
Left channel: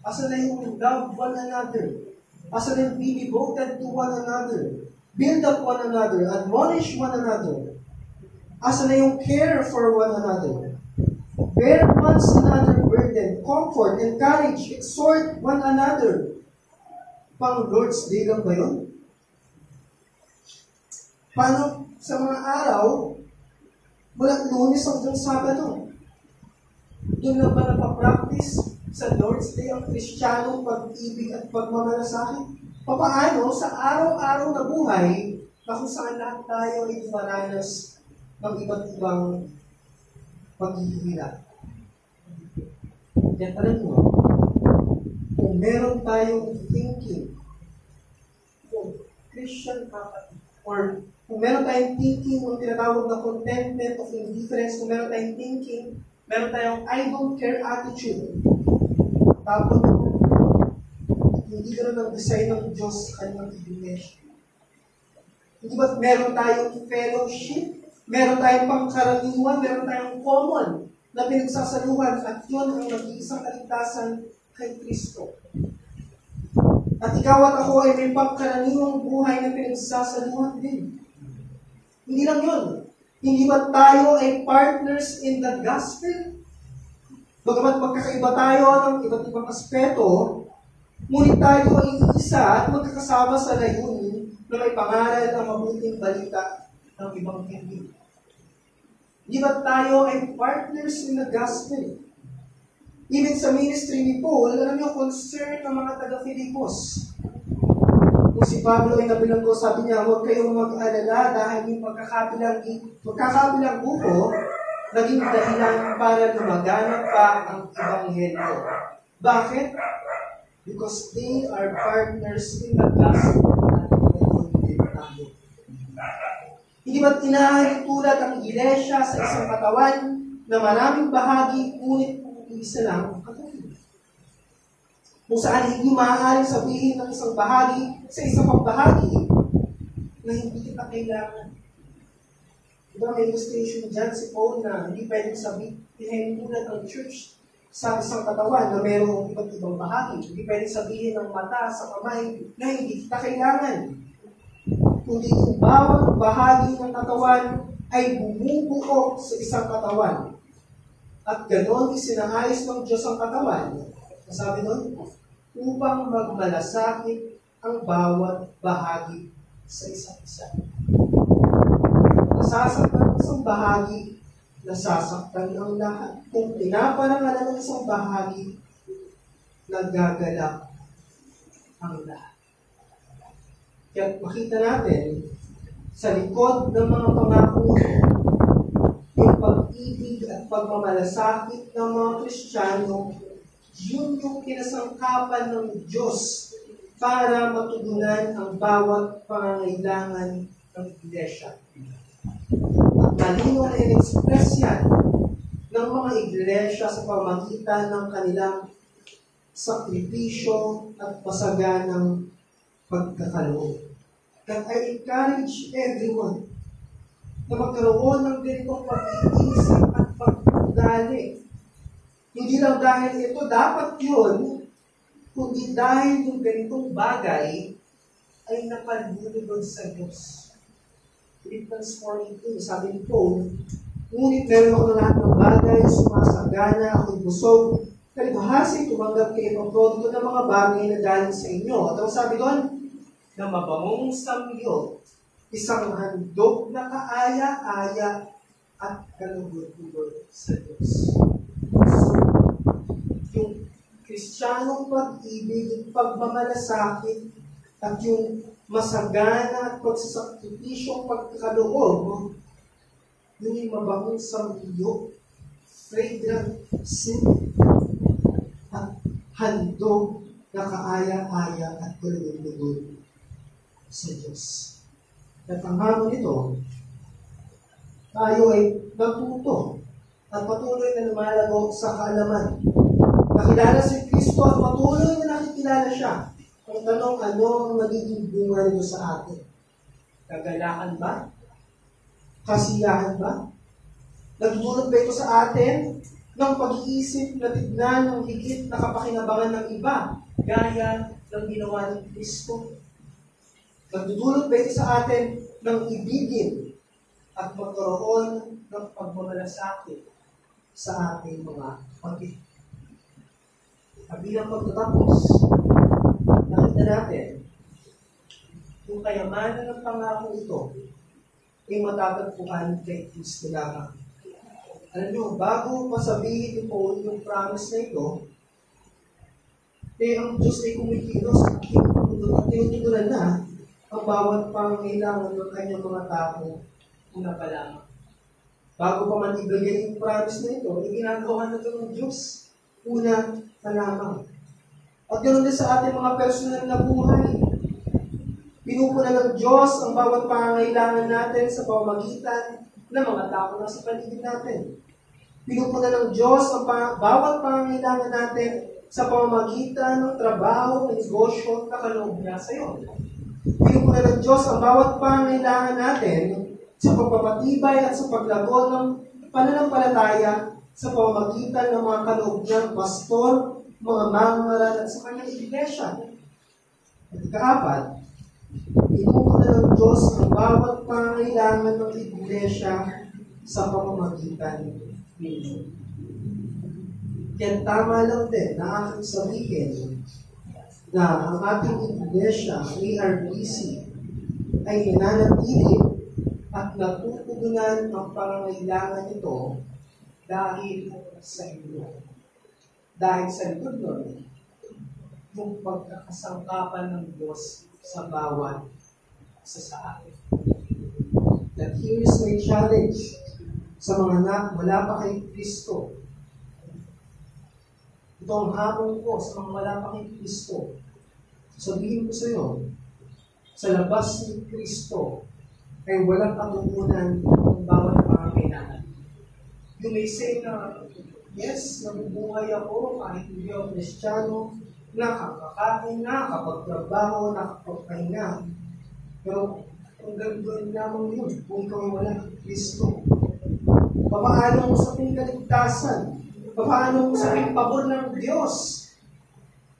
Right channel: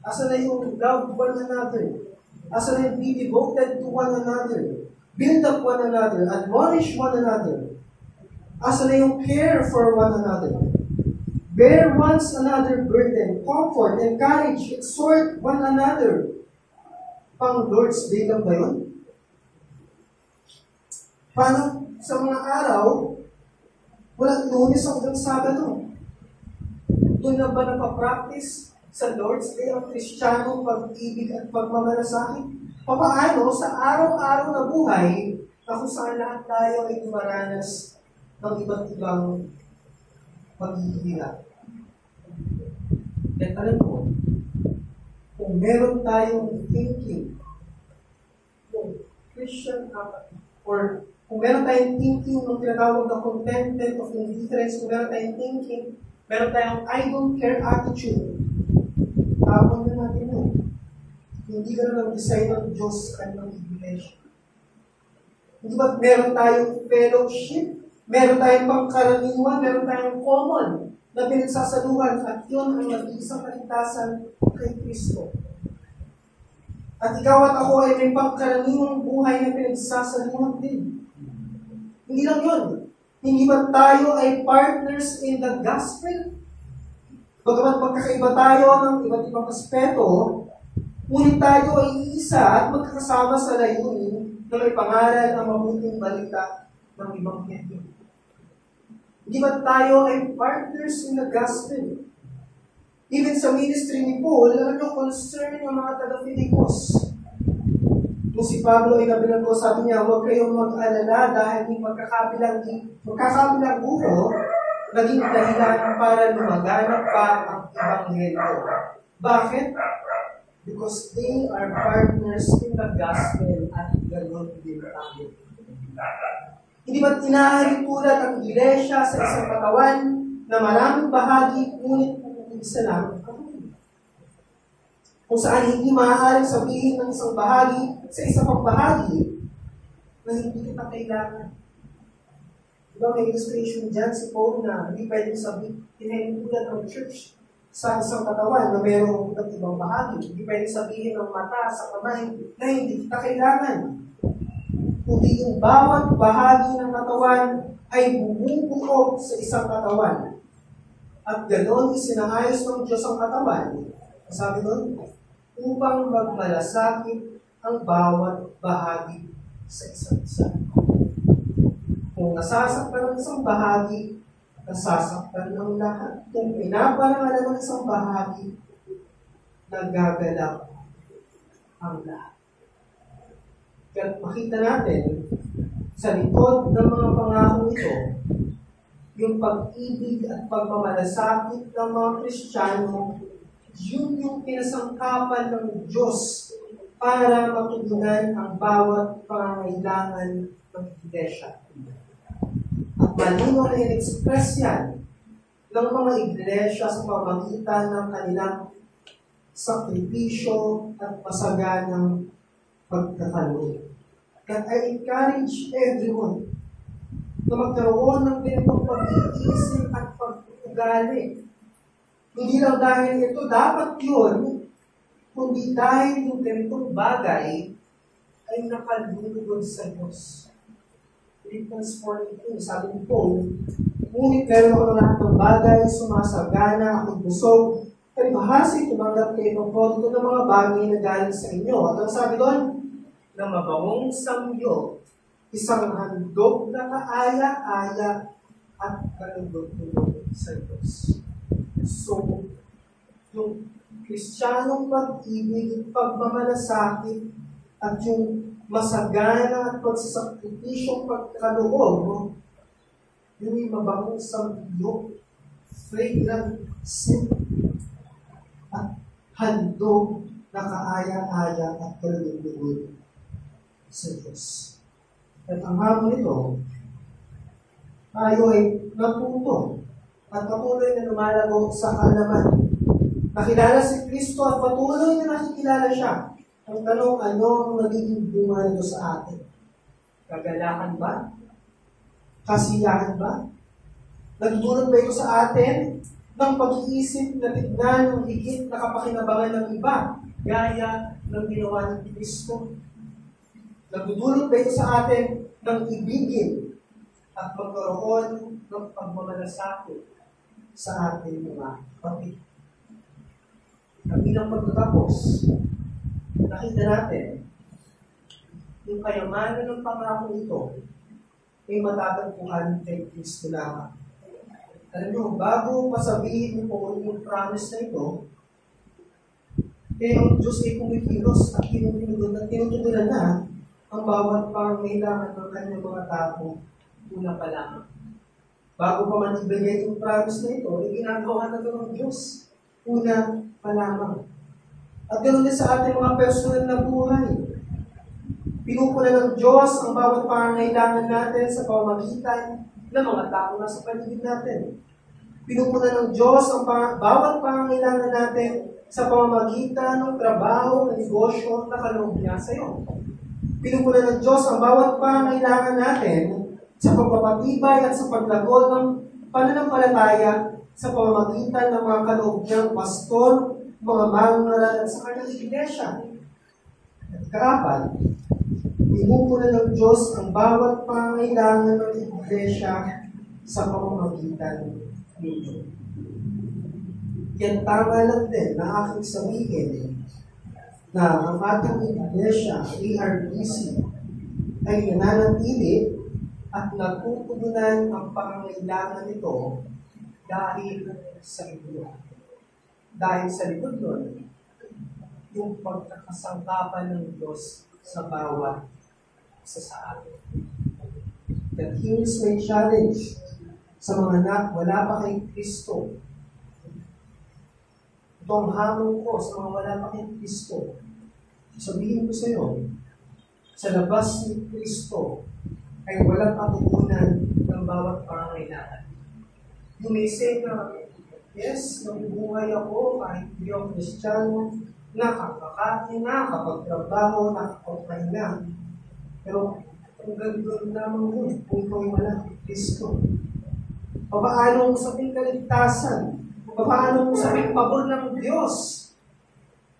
Asa na yung love one another? Asa na yung be devoted to one another? Build up one another, admonish one another. Asa na yung care for one another? Bear one another burden, comfort, encourage, exhort one another. Pang Lord's Day lang ba yun? Paano sa mga araw, mula Lunes hanggang Sabado? Doon na ba napapractice sa Lord's Day ang Kristiyanong pag-ibig at pagmamalasakit? Paano sa araw-araw na buhay na kung saan lahat tayo ay dumaranas ng iba't ibang paghihirap? At alam mo, kung meron tayong thinking, kung Christian or kung meron tayong thinking ng tinatawag na contentment of indifference, kung meron tayong thinking, meron tayong I don't care attitude, tapon na natin ito. Hindi ka na design ng Diyos sa kanyang iglesia. Hindi ba meron tayong fellowship, meron tayong pangkaraniwan, meron tayong common na pinagsasaluhan at yun ang nag-iisang kaligtasan kay Kristo. At ikaw at ako ay may pangkaraniwang buhay na pinagsasaluhan din. Hindi lang yun. Hindi ba tayo ay partners in the gospel? Bagamat magkakaiba tayo ng iba't ibang aspeto, ngunit tayo ay isa at magkakasama sa layunin na may pangalan ng mabuting balita ng ibang hindi. Hindi ba tayo ay partners in the gospel? Even sa ministry ni Paul, alam niyo, concern ng mga taga-Filipos. Kung si Pablo ay nabilang ko, sabi niya, huwag kayong mag-alala dahil yung magkakabilang buko, naging dahilan para lumaganap pa ang Ebanghelyo. Bakit? Because they are partners in the gospel at ganoon din tayo. Hindi ba't inahalintulad ang iglesia sa isang katawan na maraming bahagi, ngunit isa lang ang kung saan hindi maaaring sabihin ng isang bahagi sa isang pang bahagi na hindi kita kailangan. Diba may illustration dyan si Paul na hindi pwedeng sabihin, tulad ng church sa isang katawan na mayroong iba't ibang bahagi. Hindi pwedeng sabihin ng mata sa kamay na hindi kita kailangan. Kundi yung bawat bahagi ng katawan ay bumubuo sa isang katawan. At ganoon isinaayos ng Diyos ang katawan. Sabi doon, upang magmalasakit ang bawat bahagi sa isa't isa. Kung nasasaktan ng isang bahagi, nasasaktan ng lahat. Kung pinaparangalan ng isang bahagi, nagagalak ang lahat. Kaya makita natin, sa likod ng mga pangako ito, yung pag-ibig at pagmamalasakit ng mga Kristiyano, yun yung kinasangkapan ng Diyos para matugunan ang bawat pangangailangan ng iglesia. At malinaw na in-express yan ng mga iglesia sa pamamagitan ng kanilang sakripisyo at masaganang pagkakaloob. That I encourage everyone na magkaroon ng ganitong pag-iisip at pag-ugali. Hindi lang dahil ito dapat yun, kundi dahil yung ganitong bagay ay nakalulugod sa Diyos. Philippians 4:18, sabi ni Paul, ngunit meron ako ng lahat ng bagay, sumasagana, ako'y busog, kalibahasa'y tumanggap kayo ng todo ng mga bagay na galing sa inyo. At ang sabi doon, na mabangong samyo, isang handog na kaaya-aya at kalugod-lugod sa Diyos. So, yung Kristiyanong pag-ibig, yung pagmamalasakit, at yung masagana at pagsasakripisyong pagkaloob, yun yung mabangong samyo, fragrant sin, at handog na kaaya-aya at kalugod-lugod sa Diyos. At ang hamon nito, tayo ay natuto at patuloy na lumalago sa kaalaman. Nakilala si Kristo at patuloy na nakikilala siya. Ang tanong, ano ang magiging bunga nito sa atin? Kagalakan ba? Kasiyahan ba? Nagdulot ba ito sa atin ng pag-iisip na tignan ng higit na kapakinabangan ng iba, gaya ng ginawa ng Kristo? Nagdudulot ba ito sa atin ng ibigin at magkaroon ng pagmamalasakit sa ating mga kapatid? At bilang pagtatapos, nakita natin yung kayamanan ng pangako ito ay matatagpuan kay Kristo lamang. Alam nyo, bago pasabihin ni Paul yung promise na ito, ang Diyos ay kumikilos at tinutugunan na ang bawat pangangailangan ng kanyang mga tao una pa lamang. Bago pa man ibigay yung promise na ito, ay ginagawa na ito ng Diyos una pa lamang. At ganoon din sa ating mga personal na buhay. Pinupuna ng Diyos ang bawat pangangailangan natin sa pamamagitan ng mga tao na sa paligid natin. Pinupuna ng Diyos ang bawat pangangailangan natin sa pamamagitan ng trabaho, ng negosyo na kaloob niya sa iyo. Pinupuna ng Diyos ang bawat pangangailangan natin sa pagpapatibay at sa paglago ng pananampalataya sa pamamagitan ng mga kaloob niyang pastor, mga mangungaral at sa kanyang iglesia. At ikaapat, pinupuna ng Diyos ang bawat pangangailangan ng iglesia sa pamamagitan ninyo. Yan tama lang din na aking sabihin na ang ating iglesia, ARBC, ay nananatili at natutugunan ang pangangailangan nito dahil sa inyo. Dahil sa likod nun, yung pagkakasangkapan ng Diyos sa bawat isa sa atin. That here is my challenge sa mga wala pa kay Kristo. Ito ang hamon ko sa mga wala pa kay Kristo. Sabihin ko sa iyo, sa labas ni Kristo ay walang katugunan ng bawat pangangailangan. You may say na, yes, nabubuhay ako kahit hindi ako Kristiyano, nakakakain, nakakapagtrabaho, nakakapagpahinga. Pero hanggang doon lamang yun kung ikaw ay wala kay Kristo. Papaano mo sabing kaligtasan? Papaano mo sabing pabor ng Diyos?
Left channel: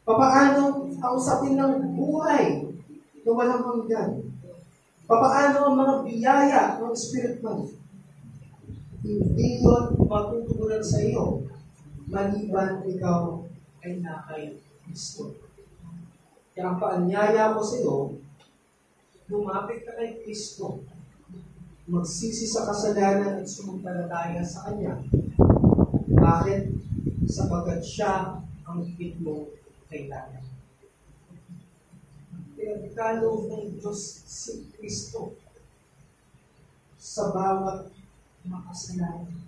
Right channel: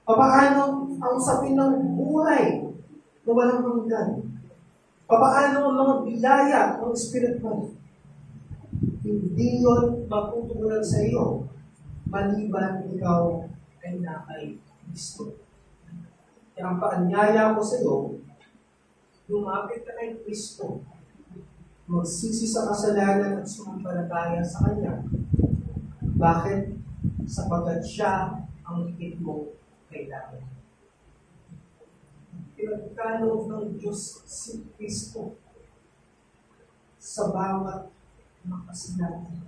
Papaano ang usapin ng buhay na walang hanggan? Papaano ang mga biyaya ng Espiritu? Hindi yun matutugunan sa iyo maliban ikaw ay nakay Kristo. Kaya ang paanyaya ko sa iyo, lumapit ka kay Kristo, magsisi sa kasalanan at sumampalataya sa Kanya. Bakit? Sapagkat siya ang higit mo kailangan. Pinagkaloob ng Diyos si Kristo sa bawat makasalanan.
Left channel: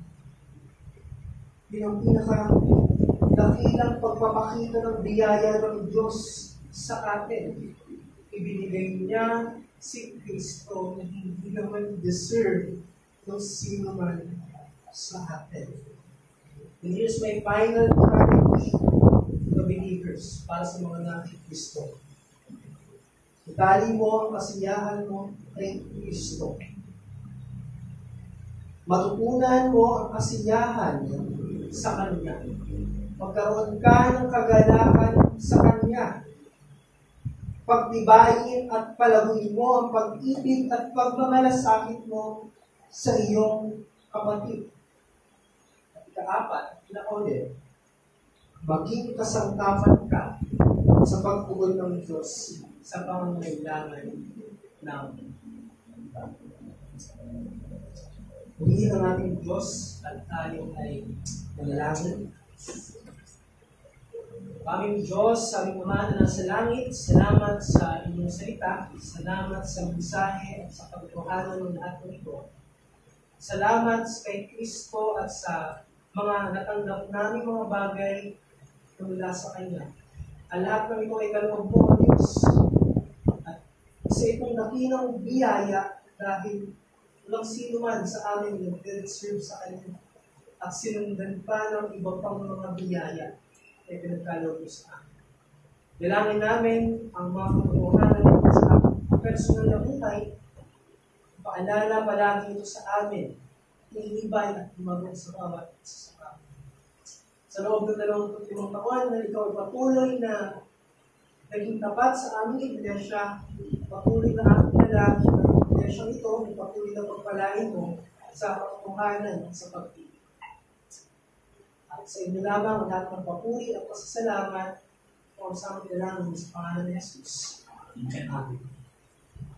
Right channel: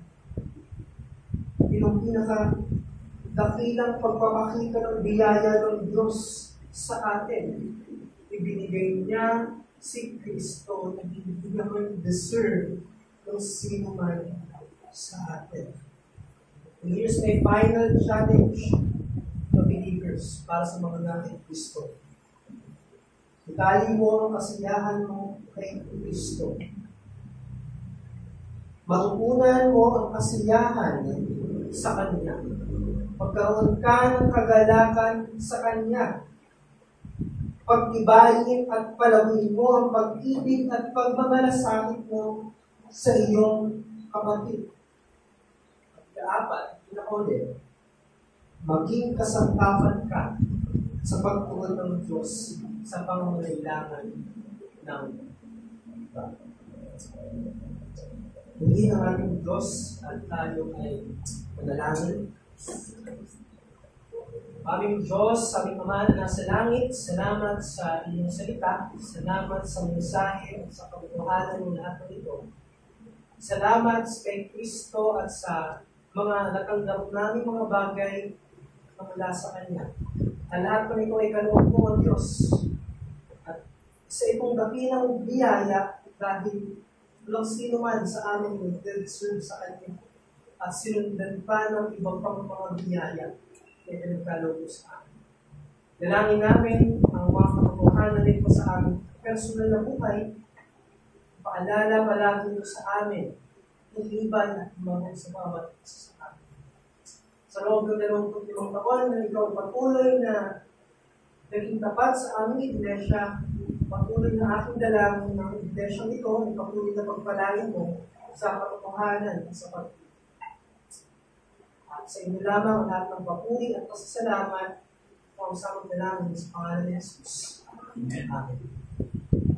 Yun ang pinaka-dakilang pagpapakita ng biyaya ng Diyos sa atin. Ibinigay niya si Kristo na hindi naman deserve ng sino man sa atin. And here's my final challenge to the believers para sa mga nating Kristo. Itali mo ang kasiyahan mo kay Kristo. Matutunan mo ang kasiyahan sa Kanya. Magkaroon ka ng kagalakan sa Kanya. Pagtibayin at palaguin mo ang pag-ibig at pagmamalasakit mo sa iyong kapatid. At ikaapat, pinakauli, maging kasangkapan ka sa pagtugon ng Diyos sa pangangailangan ng iba. Purihin ang ating Diyos at tayo ay manalangin. Aming Diyos, aming Ama na nasa langit, salamat sa inyong salita, salamat sa mensahe, sa pagtuhanan ng lahat ng ito. Salamat kay Kristo at sa mga natanggap namin mga bagay na mula sa Kanya. Ang lahat ng ito ay kaloob mo, Diyos. At sa itong dakilang biyaya dahil walang sino man sa amin nag-serve sa Kanya at sinundan pa ng iba pang mga biyaya na pinagkaloob sa amin. Dalangin namin ang mga katotohanan nito sa amin personal na buhay. Paalala palagi ito sa amin, iliban at lumaban sa bawat isa sa amin. Sa loob ng 25 taon na ikaw patuloy na naging tapat sa aming iglesia, patuloy na ating dalangin ng iglesia ito, patuloy na pagpalain mo sa katotohanan sa pag-ibig. At sa inyo lamang ang lahat ng papuri at pasasalamat kung ang samang dalangin sa pangalan ni Jesus. Amen.